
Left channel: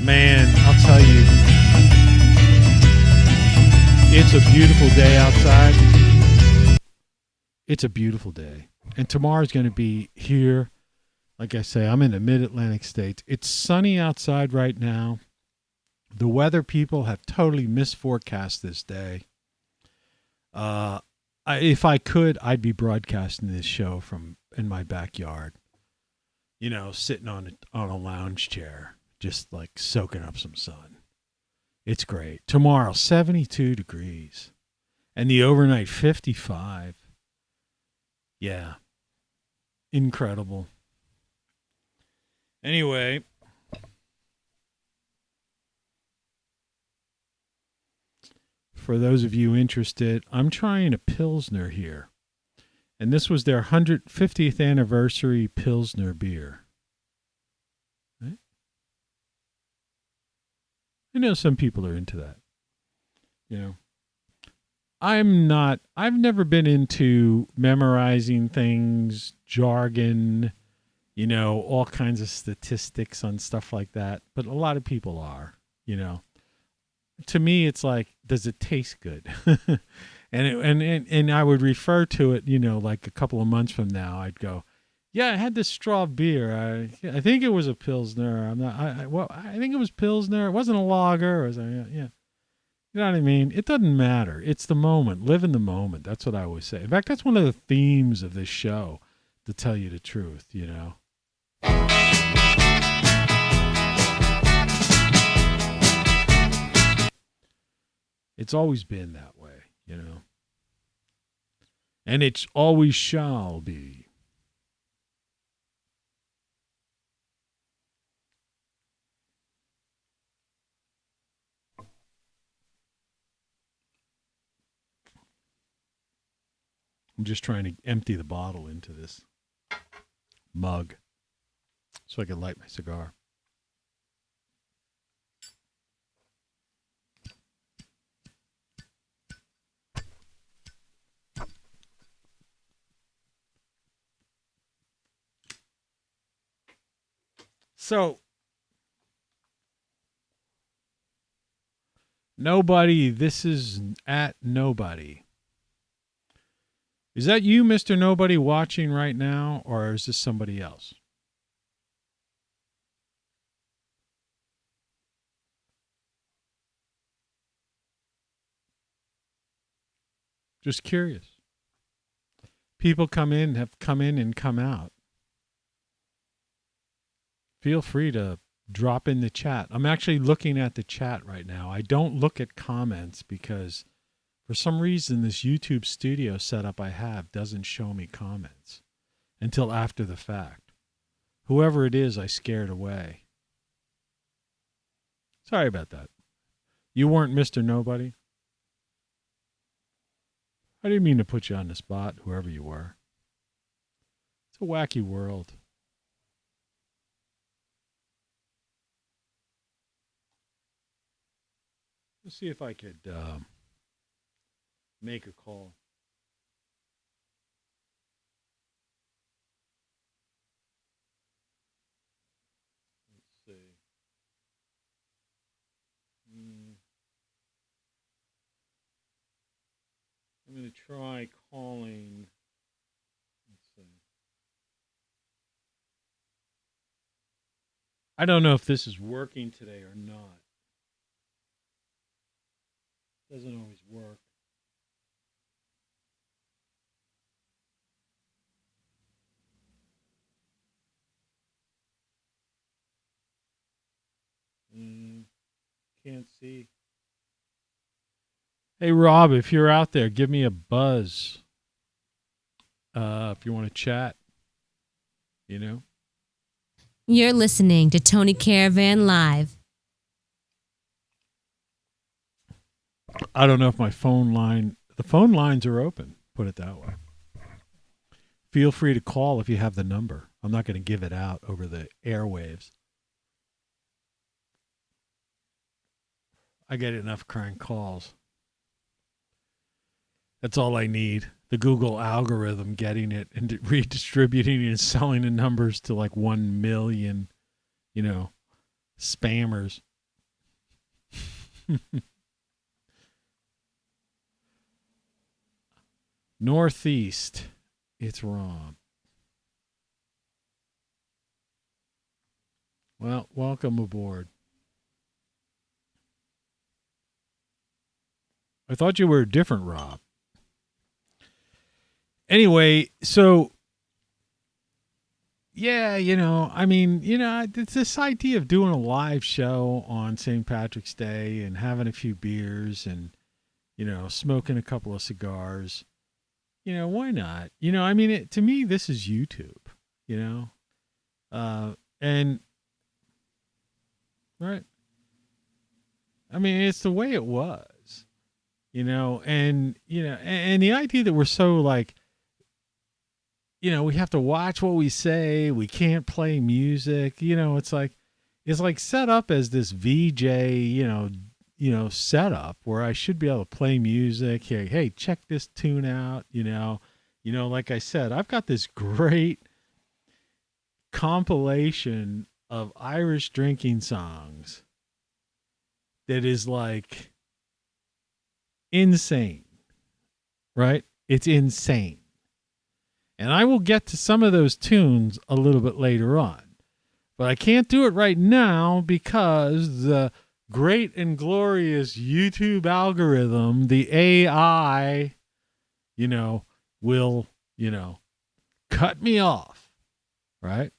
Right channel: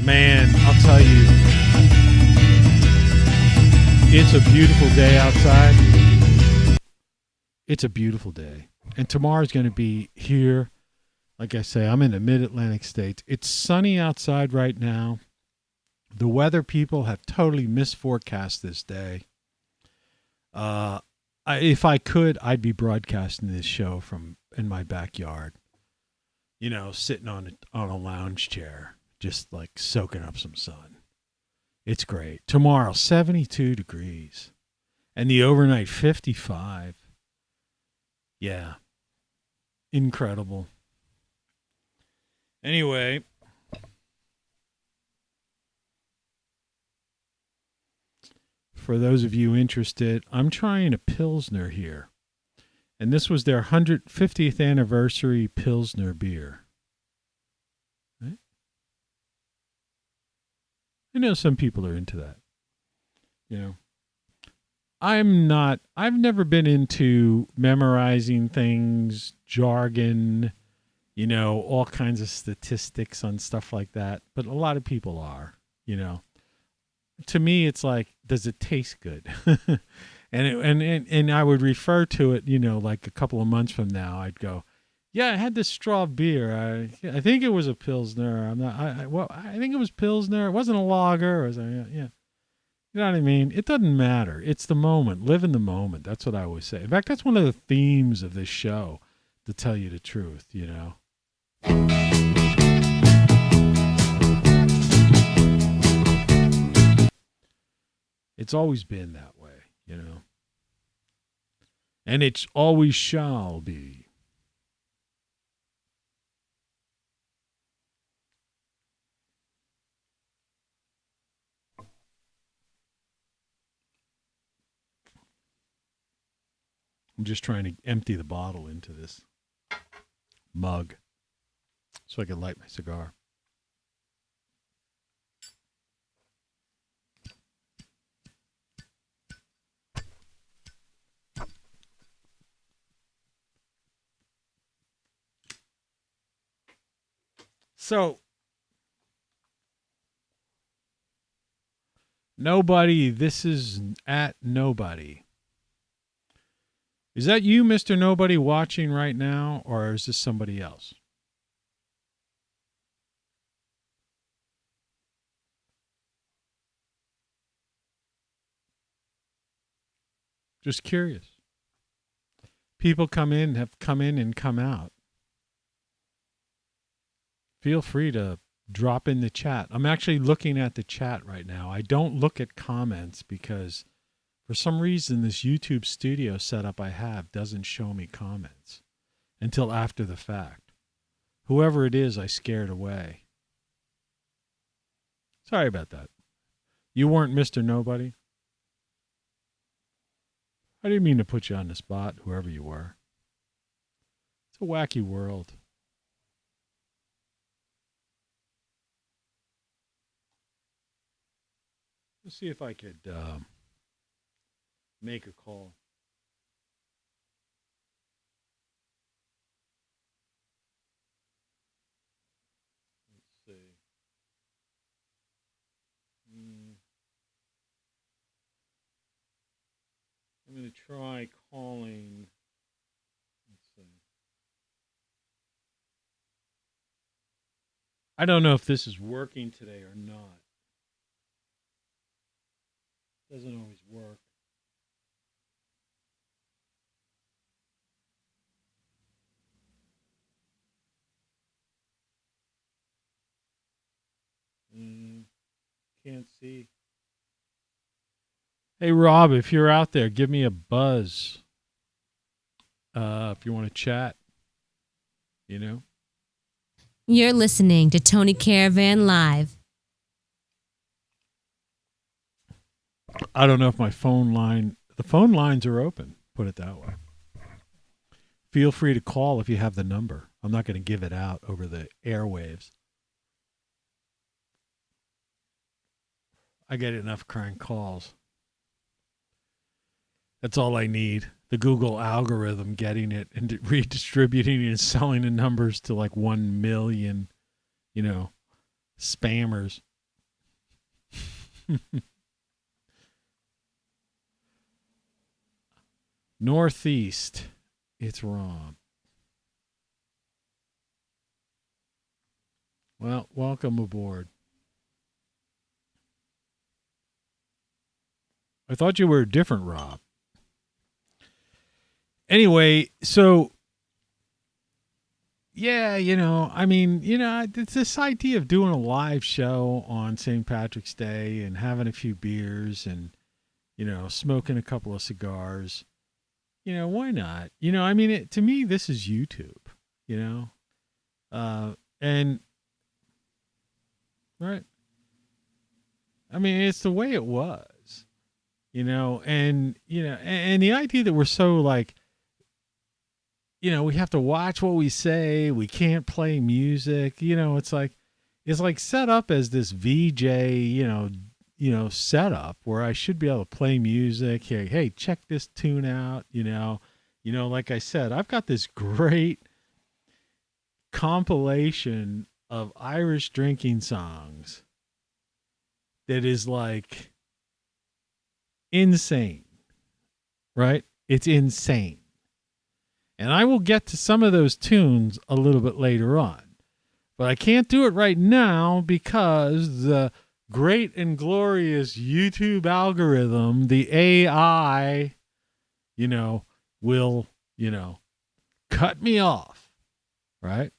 Man, I'll tell you, it's a beautiful day outside. It's a beautiful day. And tomorrow's going to be here. Like I say, I'm in the mid-Atlantic states. It's sunny outside right now. The weather people have totally misforecast this day. If I could, I'd be broadcasting this show from in my backyard. You know, sitting on a lounge chair, just like soaking up some sun. It's great. Tomorrow, 72 degrees. And the overnight, 55. Yeah. Incredible. Anyway. For those of you interested, I'm trying a Pilsner here. And this was their 150th anniversary Pilsner beer. Right? I know some people are into that. You know, I've never been into memorizing things, jargon, you know, all kinds of statistics on stuff like that. But a lot of people are, you know. To me, it's like, does it taste good? and I would refer to it, you know, like a couple of months from now, I'd go, yeah, I had this straw beer. I think it was a Pilsner. I think it was Pilsner. It wasn't a lager. Yeah. You know what I mean? It doesn't matter. It's the moment. Live in the moment. That's what I always say. In fact, that's one of the themes of this show, to tell you the truth, you know. It's always been that way, you know. And it always shall be. I'm just trying to empty the bottle into this mug so I can light my cigar. So, nobody, this is at nobody. Is that you, Mr. Nobody, watching right now, or is this somebody else? Just curious. People have come in and come out. Feel free to drop in the chat. I'm actually looking at the chat right now. I don't look at comments because for some reason this YouTube studio setup I have doesn't show me comments until after the fact. Whoever it is, I scared away. Sorry about that. You weren't Mr. Nobody? I didn't mean to put you on the spot, whoever you were. It's a wacky world. Let's see if I could make a call. Let's see. I'm going to try calling. Let's see. I don't know if this is working today or not. Doesn't always work. Can't see. Hey, Rob, if you're out there, give me a buzz. If you want to chat, you know. You're listening to Tony Caravan Live. I don't know if my the phone lines are open, put it that way. Feel free to call if you have the number. I'm not going to give it out over the airwaves. I get enough crank calls. That's all I need. The Google algorithm getting it and redistributing it and selling the numbers to like 1 million, spammers. Northeast. It's wrong. Well, welcome aboard. I thought you were a different Rob. Anyway, so yeah, it's this idea of doing a live show on St. Patrick's Day and having a few beers and, smoking a couple of cigars. Why not? To me, this is YouTube, and right. It's the way it was, and the idea that we're so like, we have to watch what we say. We can't play music. It's like set up as this VJ, setup where I should be able to play music. Hey, check this tune out. Like I said, I've got this great compilation of Irish drinking songs that is like insane, right? It's insane. And I will get to some of those tunes a little bit later on. But I can't do it right now because the great and glorious YouTube algorithm, the AI, will, cut me off, right?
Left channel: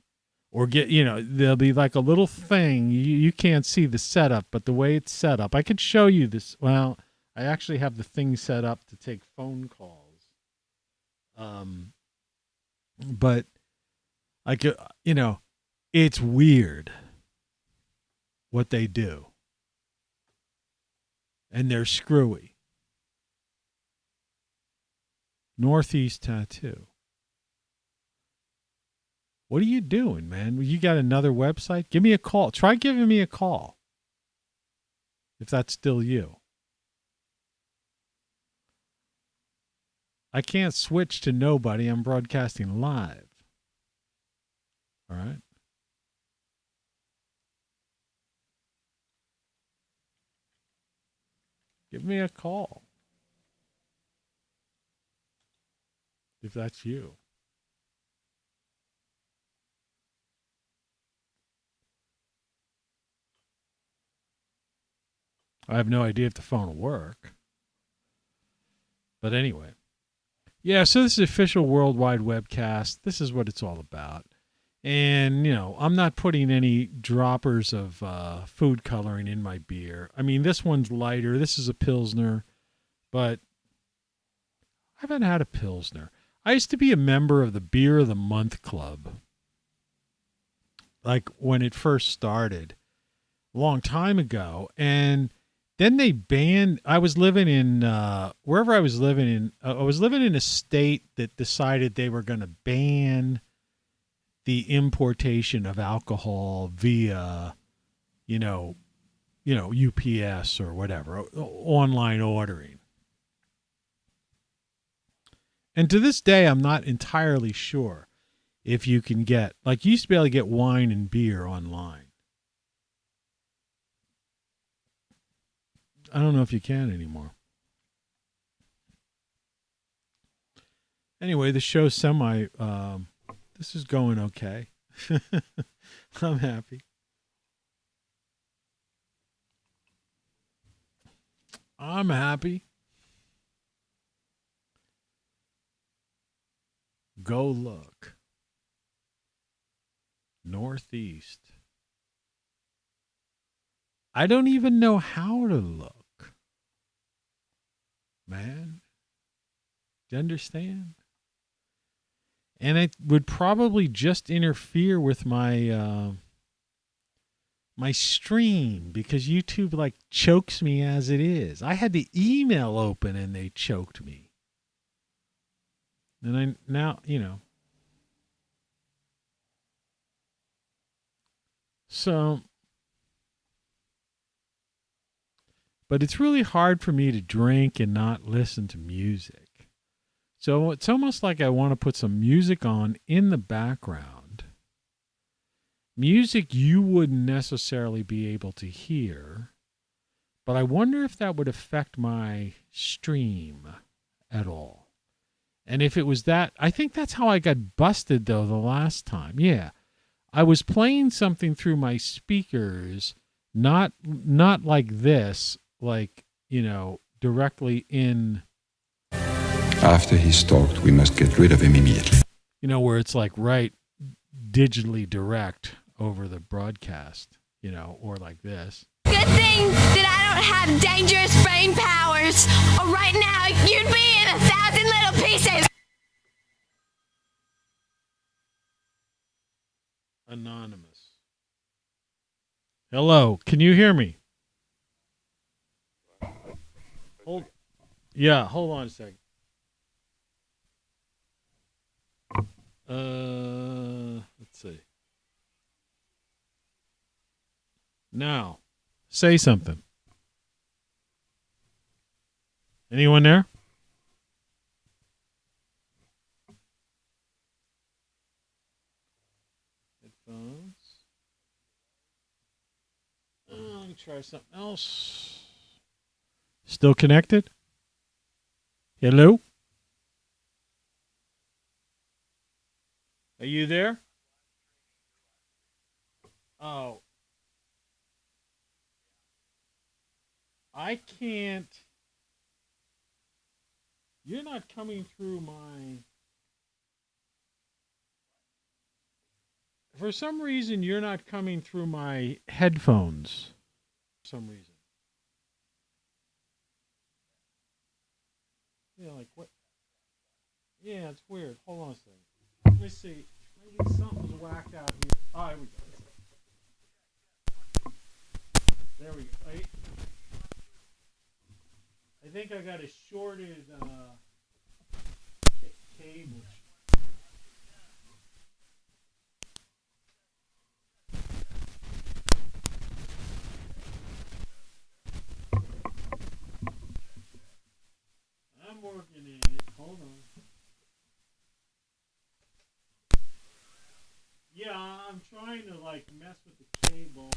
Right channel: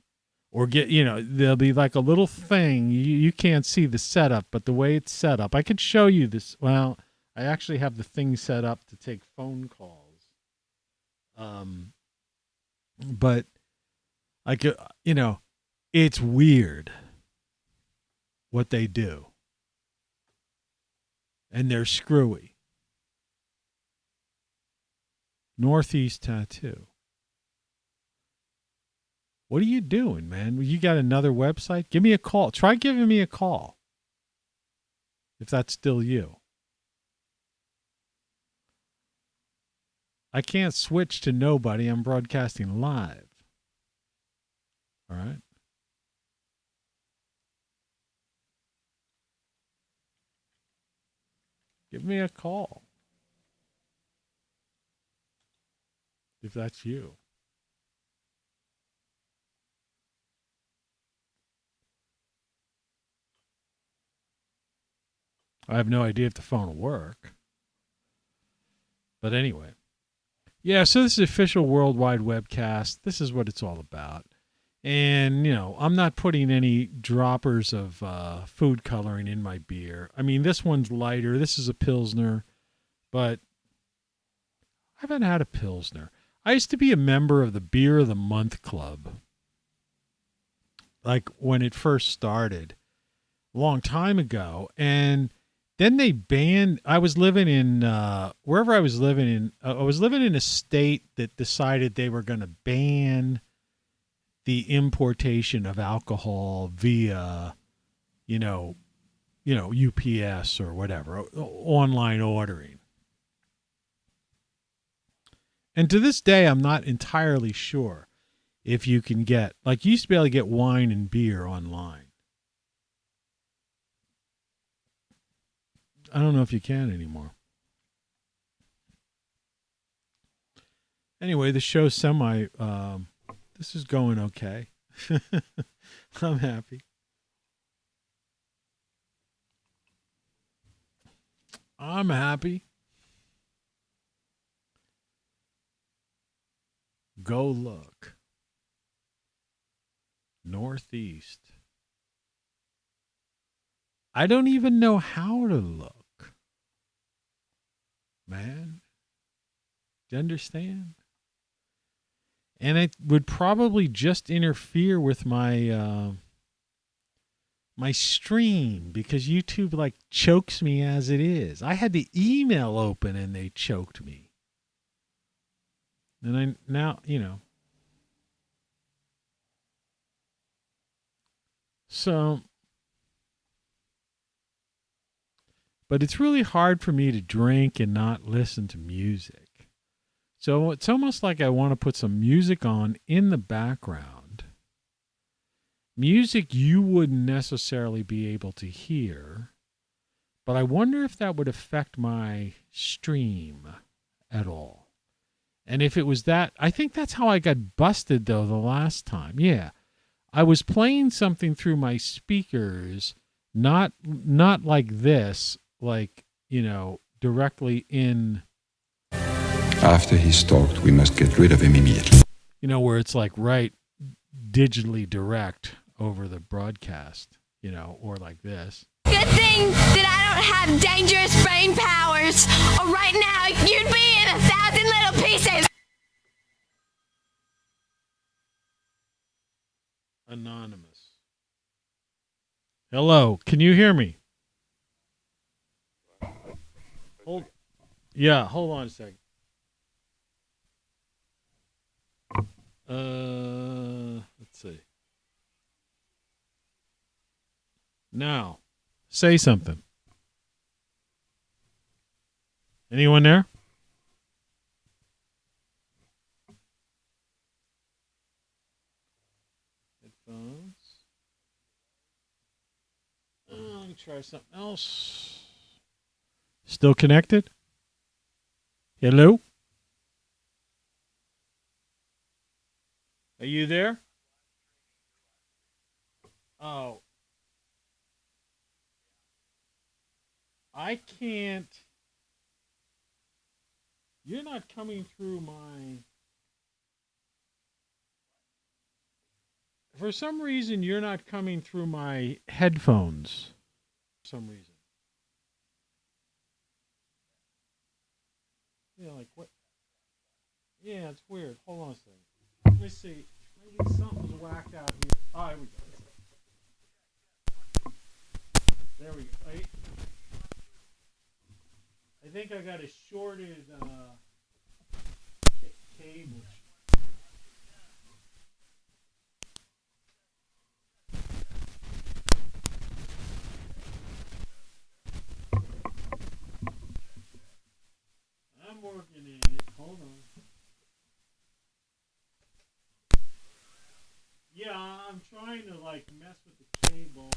Or there'll be like a little thing. You can't see the setup, but the way it's set up, I could show you this. Well, I actually have the thing set up to take phone calls. But I could, it's weird what they do. And they're screwy. Northeast Tattoo. What are you doing, man? You got another website? Give me a call. Try giving me a call. If that's still you. I can't switch to nobody. I'm broadcasting live. All right. Give me a call. If that's you. I have no idea if the phone will work. But anyway. Yeah, so this is official worldwide webcast. This is what it's all about. And, I'm not putting any droppers of food coloring in my beer. I mean, this one's lighter. This is a Pilsner, but I haven't had a Pilsner. I used to be a member of the Beer of the Month Club, like when it first started a long time ago. And then they banned, I was living in, wherever I was living in, I was living in a state that decided they were going to ban the importation of alcohol via, UPS or whatever, online ordering. And to this day, I'm not entirely sure if you can get, like, you used to be able to get wine and beer online. I don't know if you can anymore. Anyway, the show's this is going okay. I'm happy. I'm happy. Go look. Northeast. I don't even know how to look. Man. Do you understand? And it would probably just interfere with my my stream because YouTube like chokes me as it is. I had the email open and they choked me. And now. So, but it's really hard for me to drink and not listen to music. So it's almost like I want to put some music on in the background. Music you wouldn't necessarily be able to hear, but I wonder if that would affect my stream at all. And if it was that, I think that's how I got busted though the last time. Yeah. I was playing something through my speakers, not like this, like, directly in. After he's stalked, we must get rid of him immediately. Where it's like right digitally direct over the broadcast, or like this. Good thing that I don't have dangerous brain powers, or right now you'd be in 1,000 little pieces. Anonymous. Hello, can you hear me? Hold on a second. Let's see. Now, say something. Anyone there? Headphones. Let me try something else. Still connected? Hello? Are you there? Oh. I can't. You're not coming through my. For some reason, you're not coming through my headphones. For some reason. Yeah, like what? Yeah, it's weird. Hold on a second. Let me see. Maybe something's whacked out here. Oh, here we go. There we go. I think I got a shorted cable. I'm working in it. Hold on. Yeah, I'm trying to like mess with the cable.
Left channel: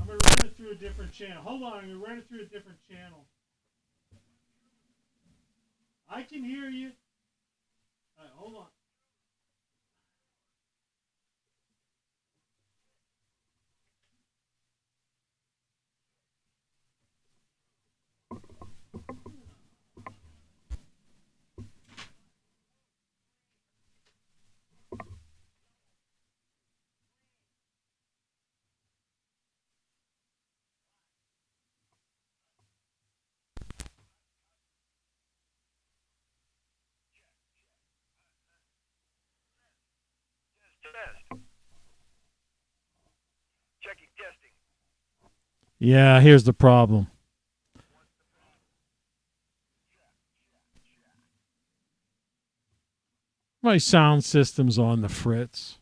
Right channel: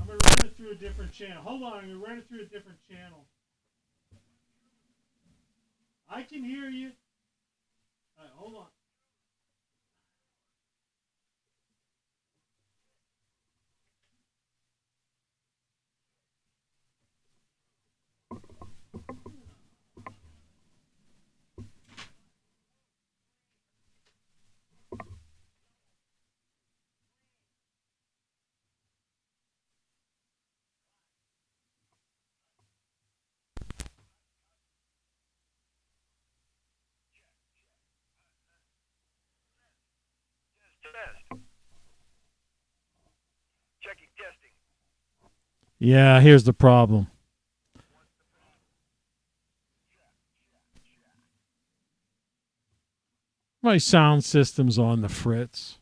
I'm going to run it through a different channel. Hold on, I'm going to run it through a different channel. I can hear you. All right, hold on. Checking testing. Yeah, here's the problem. My sound system's on the fritz.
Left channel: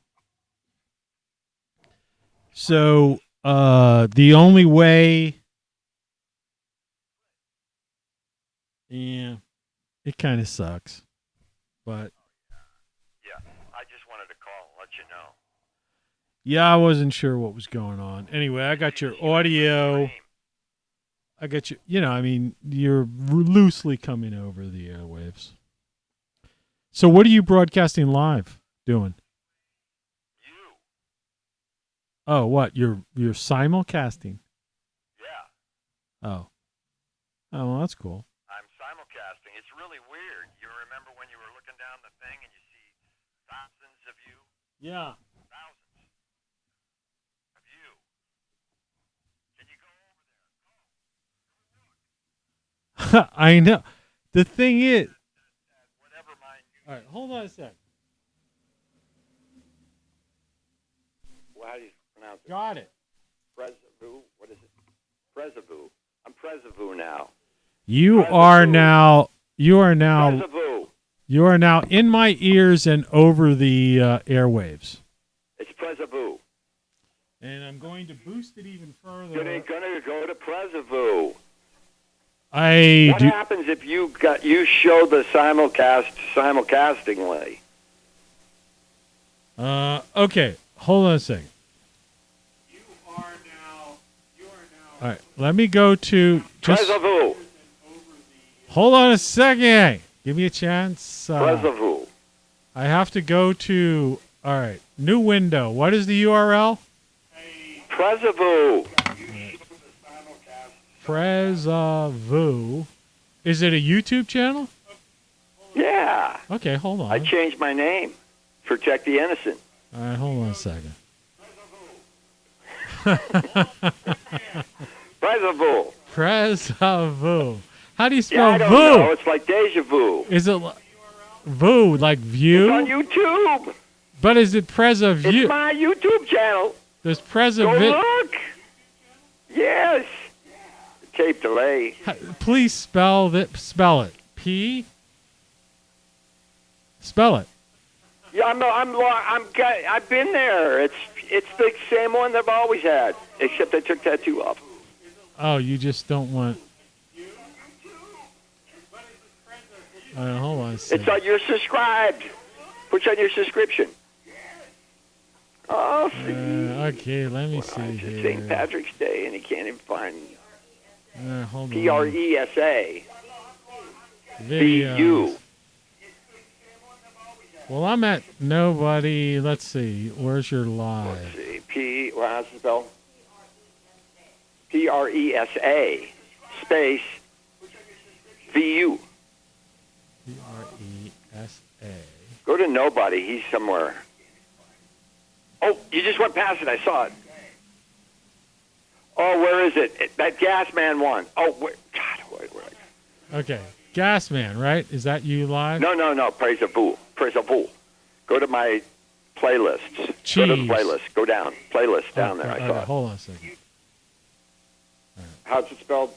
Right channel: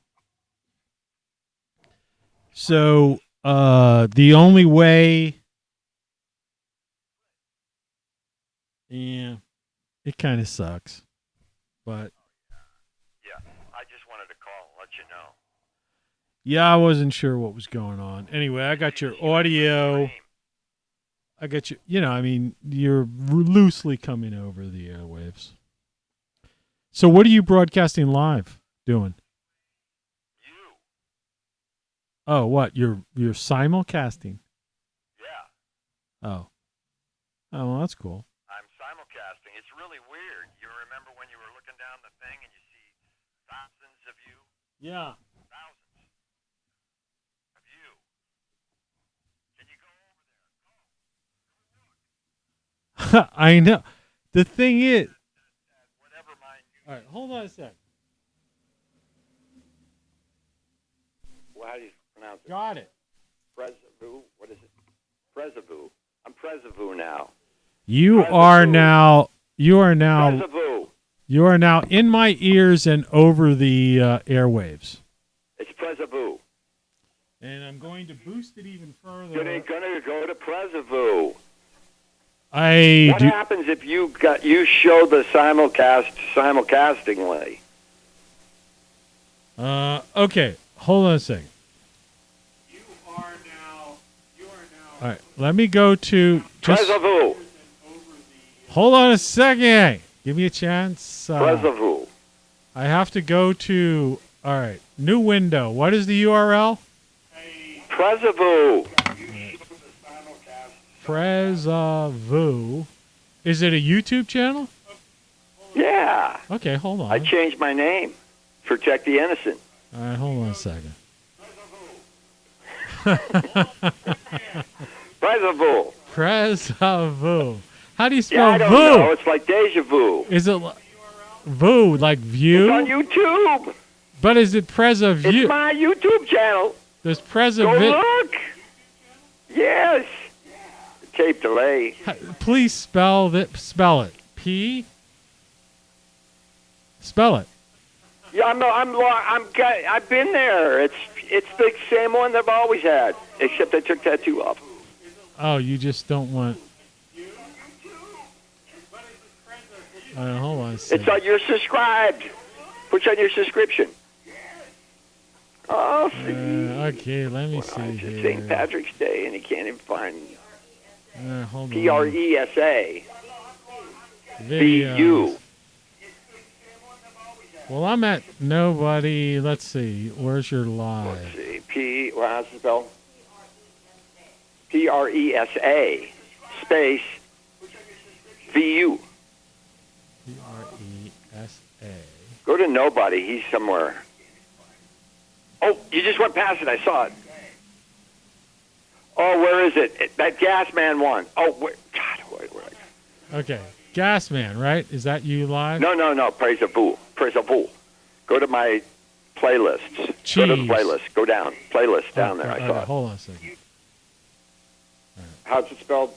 So, the only way... Yeah, it kind of sucks. But... Yeah, I just wanted to call and let you know. Yeah, I wasn't sure what was going on. Anyway, I got your audio. I got you. You know, I mean, you're loosely coming over the airwaves. So, what are you broadcasting live doing? You. Oh, what? You're simulcasting? Yeah, Oh, well, that's cool. I'm simulcasting. It's really weird. You remember when you were looking down the thing and you see thousands of you? Yeah. Thousands of you. Can you go over there? I know. The thing is... Whatever mine. All right, hold on a sec. Well, how do you pronounce it? Got it. Presavu? What is it? Presavu. I'm Presavu now. You are now Presavu. you are now in my ears and over the airwaves. It's Presavu. And I'm going to boost it even further. You're gonna go to Presavu. What happens if you show the simulcastingly? Okay, hold on a second. You are now. All right, let me go to Presavu. Hold on a second. Give me a chance. Presavu. I have to go to. All right, new window. What is the URL? Presavu. Presavu. Is it a YouTube channel? Yeah. Okay, hold on. I changed my name. Protect the innocent. All right, hold on a second. Presavu. Presavu. How do you Yeah, spell I don't vu? know. It's like deja vu. Is it vu like view? It's on YouTube. But is it Presavu? It's my YouTube channel. There's Go Presavu. look. Yes. Tape delay. Please spell it. Spell it. Yeah, I've been there. It's the same one that I've always had, except I took tattoo off. Oh, you just don't want. Hold on a second. It's on your subscribed. Push on your subscription. Oh, see. Okay, let me see It's here. St. Patrick's Day, and he can't even find Hold on. PRESA. Videos. VU. Well, I'm at nobody. Let's see. Where's your live? Let's see. How's it spelled? PRESA space VU. PRESA. Go to nobody. He's somewhere. Oh, you just went past it. I saw it. Oh, where is it? That gas man one. Oh, wait. God, wait. Okay. Gasman, right? Is that you live? No. Praise a fool. Go to my playlists. Jeez. Go to the playlist. Go down. Playlist down there. I saw it. Hold on a second. How's it spelled?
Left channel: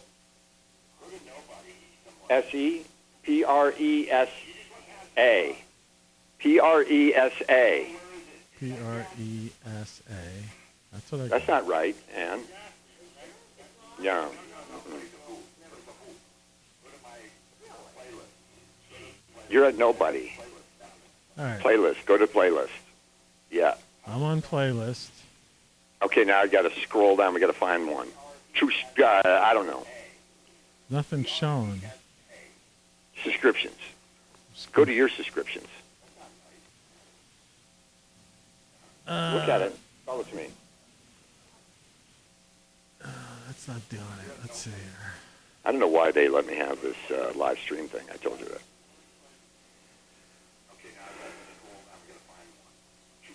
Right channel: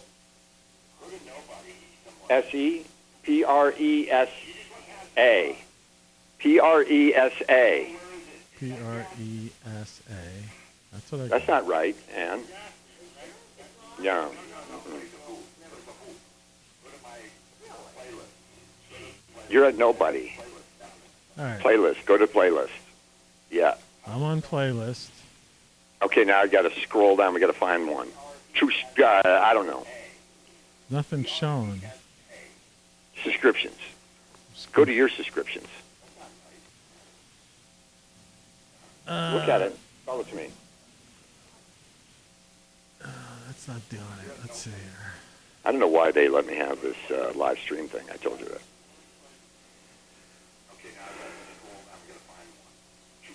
SEPRESA. PRESA. PRESA. That's what I. That's not right, Ann. Yeah. You're at nobody. All right. Playlist. Go to playlist. Yeah. I'm on playlist. Okay, now I got to scroll down. We got to find one. I don't know. Nothing showing. Subscriptions. Go to your subscriptions. Look at it. Follow it to me. That's not doing it. Let's see here. I don't know why they let me have this live stream thing. I told you that.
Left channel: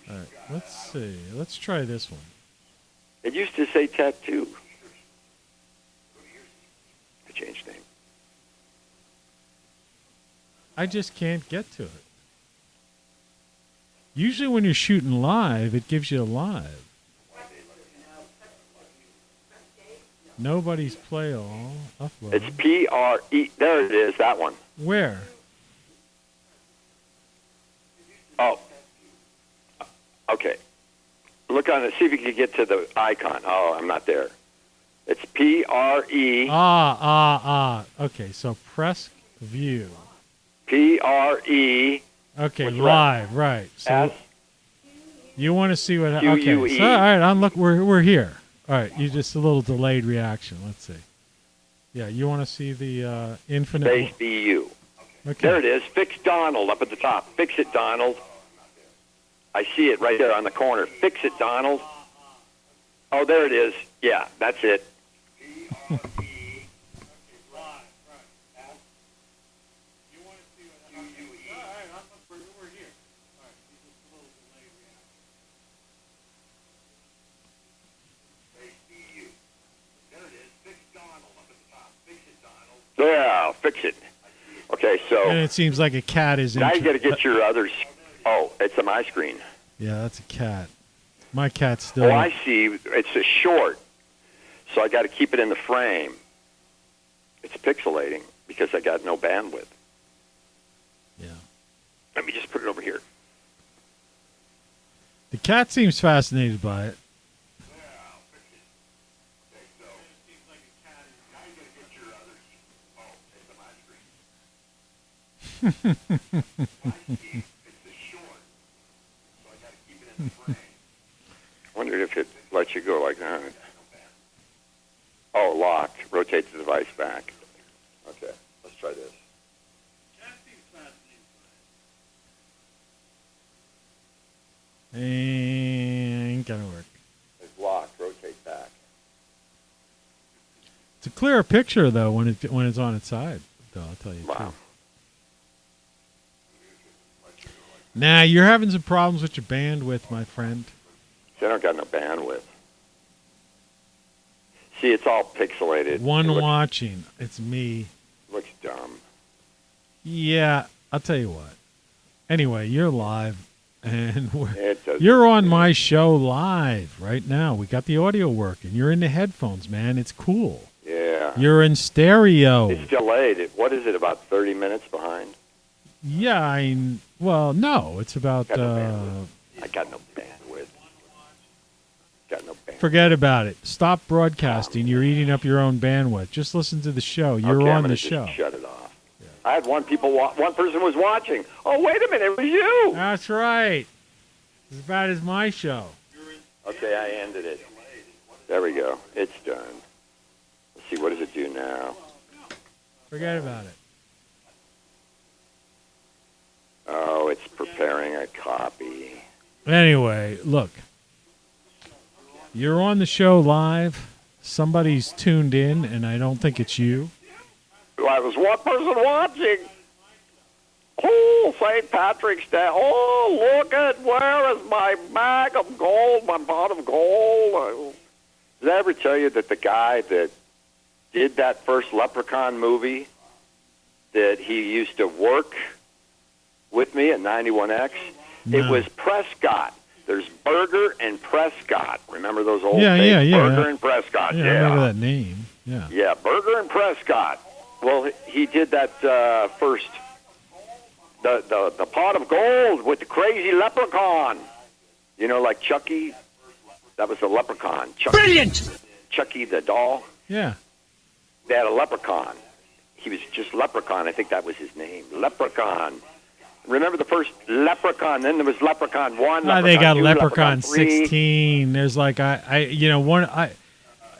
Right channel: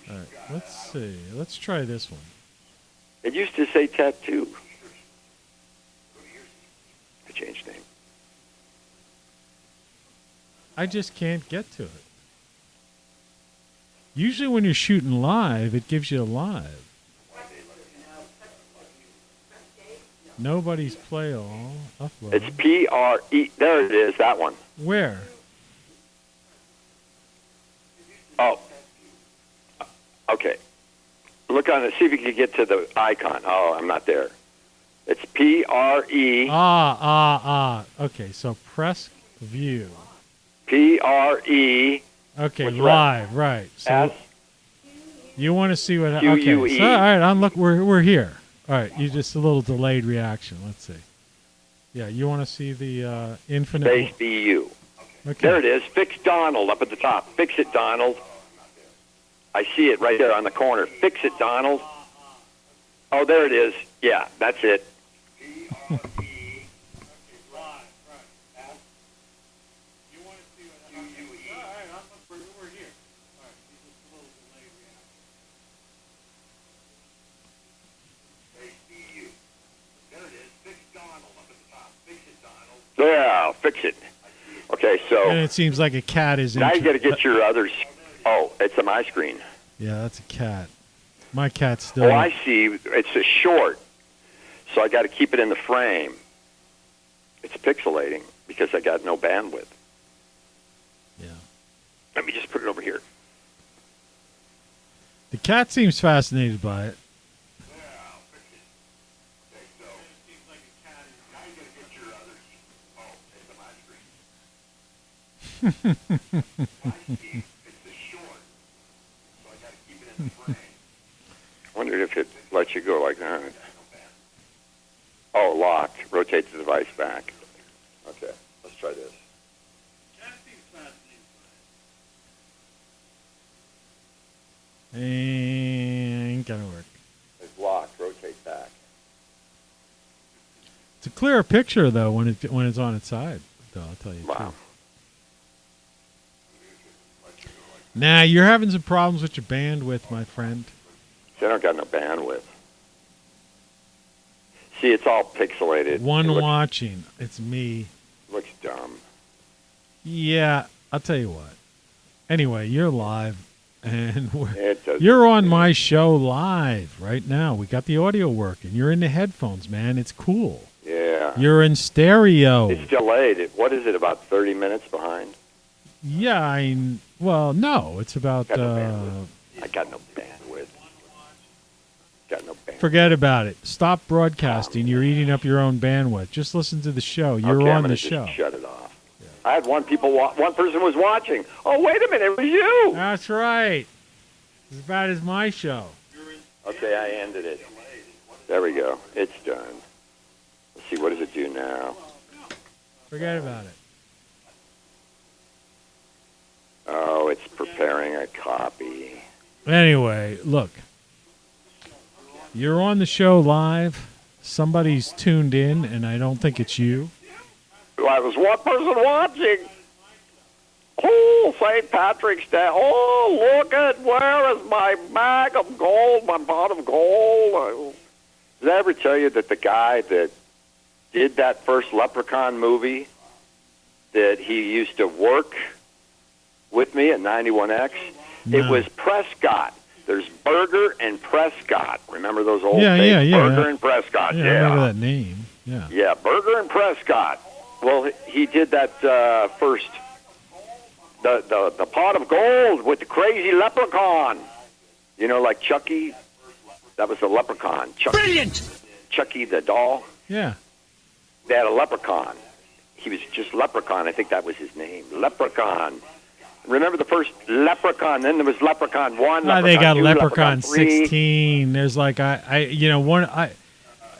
All right. Let's see. Let's try this one. It used to say tattoo. I changed name. I just can't get to it. Usually when you're shooting live, it gives you live. Nobody's play all. Upload. It's PRE. There it is, that one. Where? Oh. Okay. Look on it. See if you can get to the icon. Oh, I'm not there. It's PRE. Okay, so press view. PRE. Okay, live, right. So S. you want to see what? Okay, QUE. so, all right. Look, we're here. All right, you just a little delayed reaction. Let's see. Yeah, you want to see the infinite Space BU. Okay. There it is. Fix Donald up at the top. Fix it, Donald. I see it right there on the corner. Fix it, Donald. Oh, there it is. Yeah, that's it. Yeah, fix it. Okay, so And it seems like a cat is. now you got to get your others. Oh, it's on my screen. Yeah, that's a cat. My cat's still. Oh, I see. It's a short, so I got to keep it in the frame. It's pixelating because I got no bandwidth. Yeah. Let me just put it over here. The cat seems fascinated by it. Wondered if it lets you go like that. Oh, locked. Rotate the device back. Okay, let's try this. Ain't gonna work. It's locked. Rotate back. It's a clearer picture though when it's on its side. Though I'll tell you. Wow. Nah, you're having some problems with your bandwidth, my friend. See, I don't got no bandwidth. See, it's all pixelated. One watching. It's me. Looks dumb. Yeah, I'll tell you what. Anyway, you're live, and It doesn't- you're on my show live right now. We got the audio working. You're in the headphones, man. It's cool. Yeah. You're in stereo. It's delayed. What is it, about 30 minutes behind? Yeah, well, no, it's about. Got no bandwidth. I got no bandwidth. Got no bandwidth. Forget about it. Stop broadcasting. You're eating up your own bandwidth. Just listen to the show. You're Okay, I'm on gonna the just show. shut it off. Yeah. I had one person was watching. Oh, wait a minute, it was you. That's right. As bad as my show. Okay, I ended it. There we go. It's done. Let's see, what does it do now? Forget about it. Oh, it's preparing a copy. Anyway, look. You're on the show live. Somebody's tuned in, and I don't think it's you. Well, there's one person watching. Oh, St. Patrick's Day. Oh, look at, where is my bag of gold, my pot of gold? Did I ever tell you that the guy that did that first Leprechaun movie, that he used to work with me at 91X? No. It was Prescott. There's Berger and Prescott. Remember those old Yeah, names? yeah. Berger and Prescott. Yeah, I remember that name. Yeah. Yeah, Berger and Prescott. Well, he did that first, the pot of gold with the crazy leprechaun. You know, like Chucky. That was the leprechaun. Chucky, Brilliant! Chucky the doll. Yeah. They had a leprechaun. He was just Leprechaun. I think that was his name. Leprechaun. Remember the first Leprechaun? Then there was Leprechaun 1, Leprechaun They got 2, Leprechaun 3. 16. There's like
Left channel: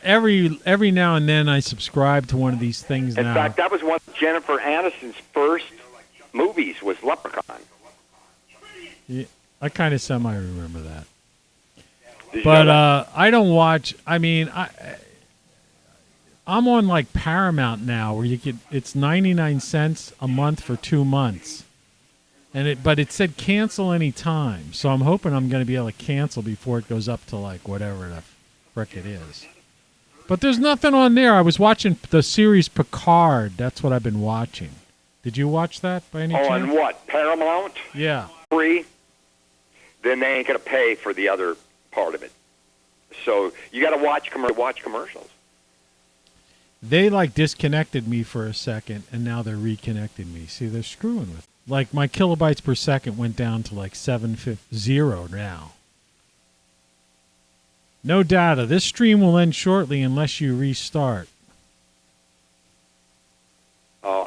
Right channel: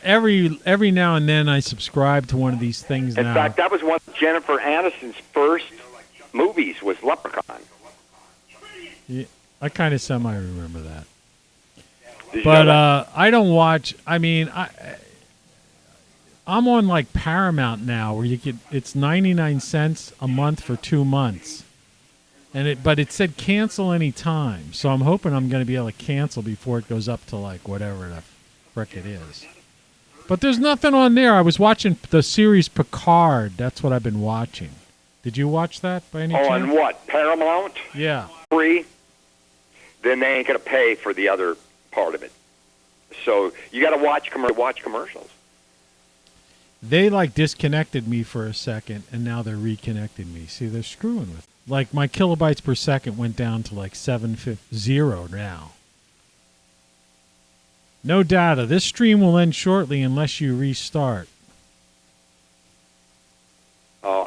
every now and then I subscribe to one of these things In now. fact, that was one of Jennifer Aniston's first movies, was Leprechaun. Yeah, I kind of semi remember that. Did you But know that? I don't watch. I mean, I'm on like Paramount now, where it's 99 cents a month for 2 months, but it said cancel any time. So I'm hoping I'm going to be able to cancel before it goes up to like whatever the frick it is. But there's nothing on there. I was watching the series Picard. That's what I've been watching. Did you watch that by any chance? On what? Paramount? Yeah. Free? then they ain't going to pay for the other part of it. So you got to watch commercials. They like disconnected me for a second, and now they're reconnecting me. See, they're screwing with. Like my kilobytes per second went down to like 750 now. No data. This stream will end shortly unless you restart. Oh, I'm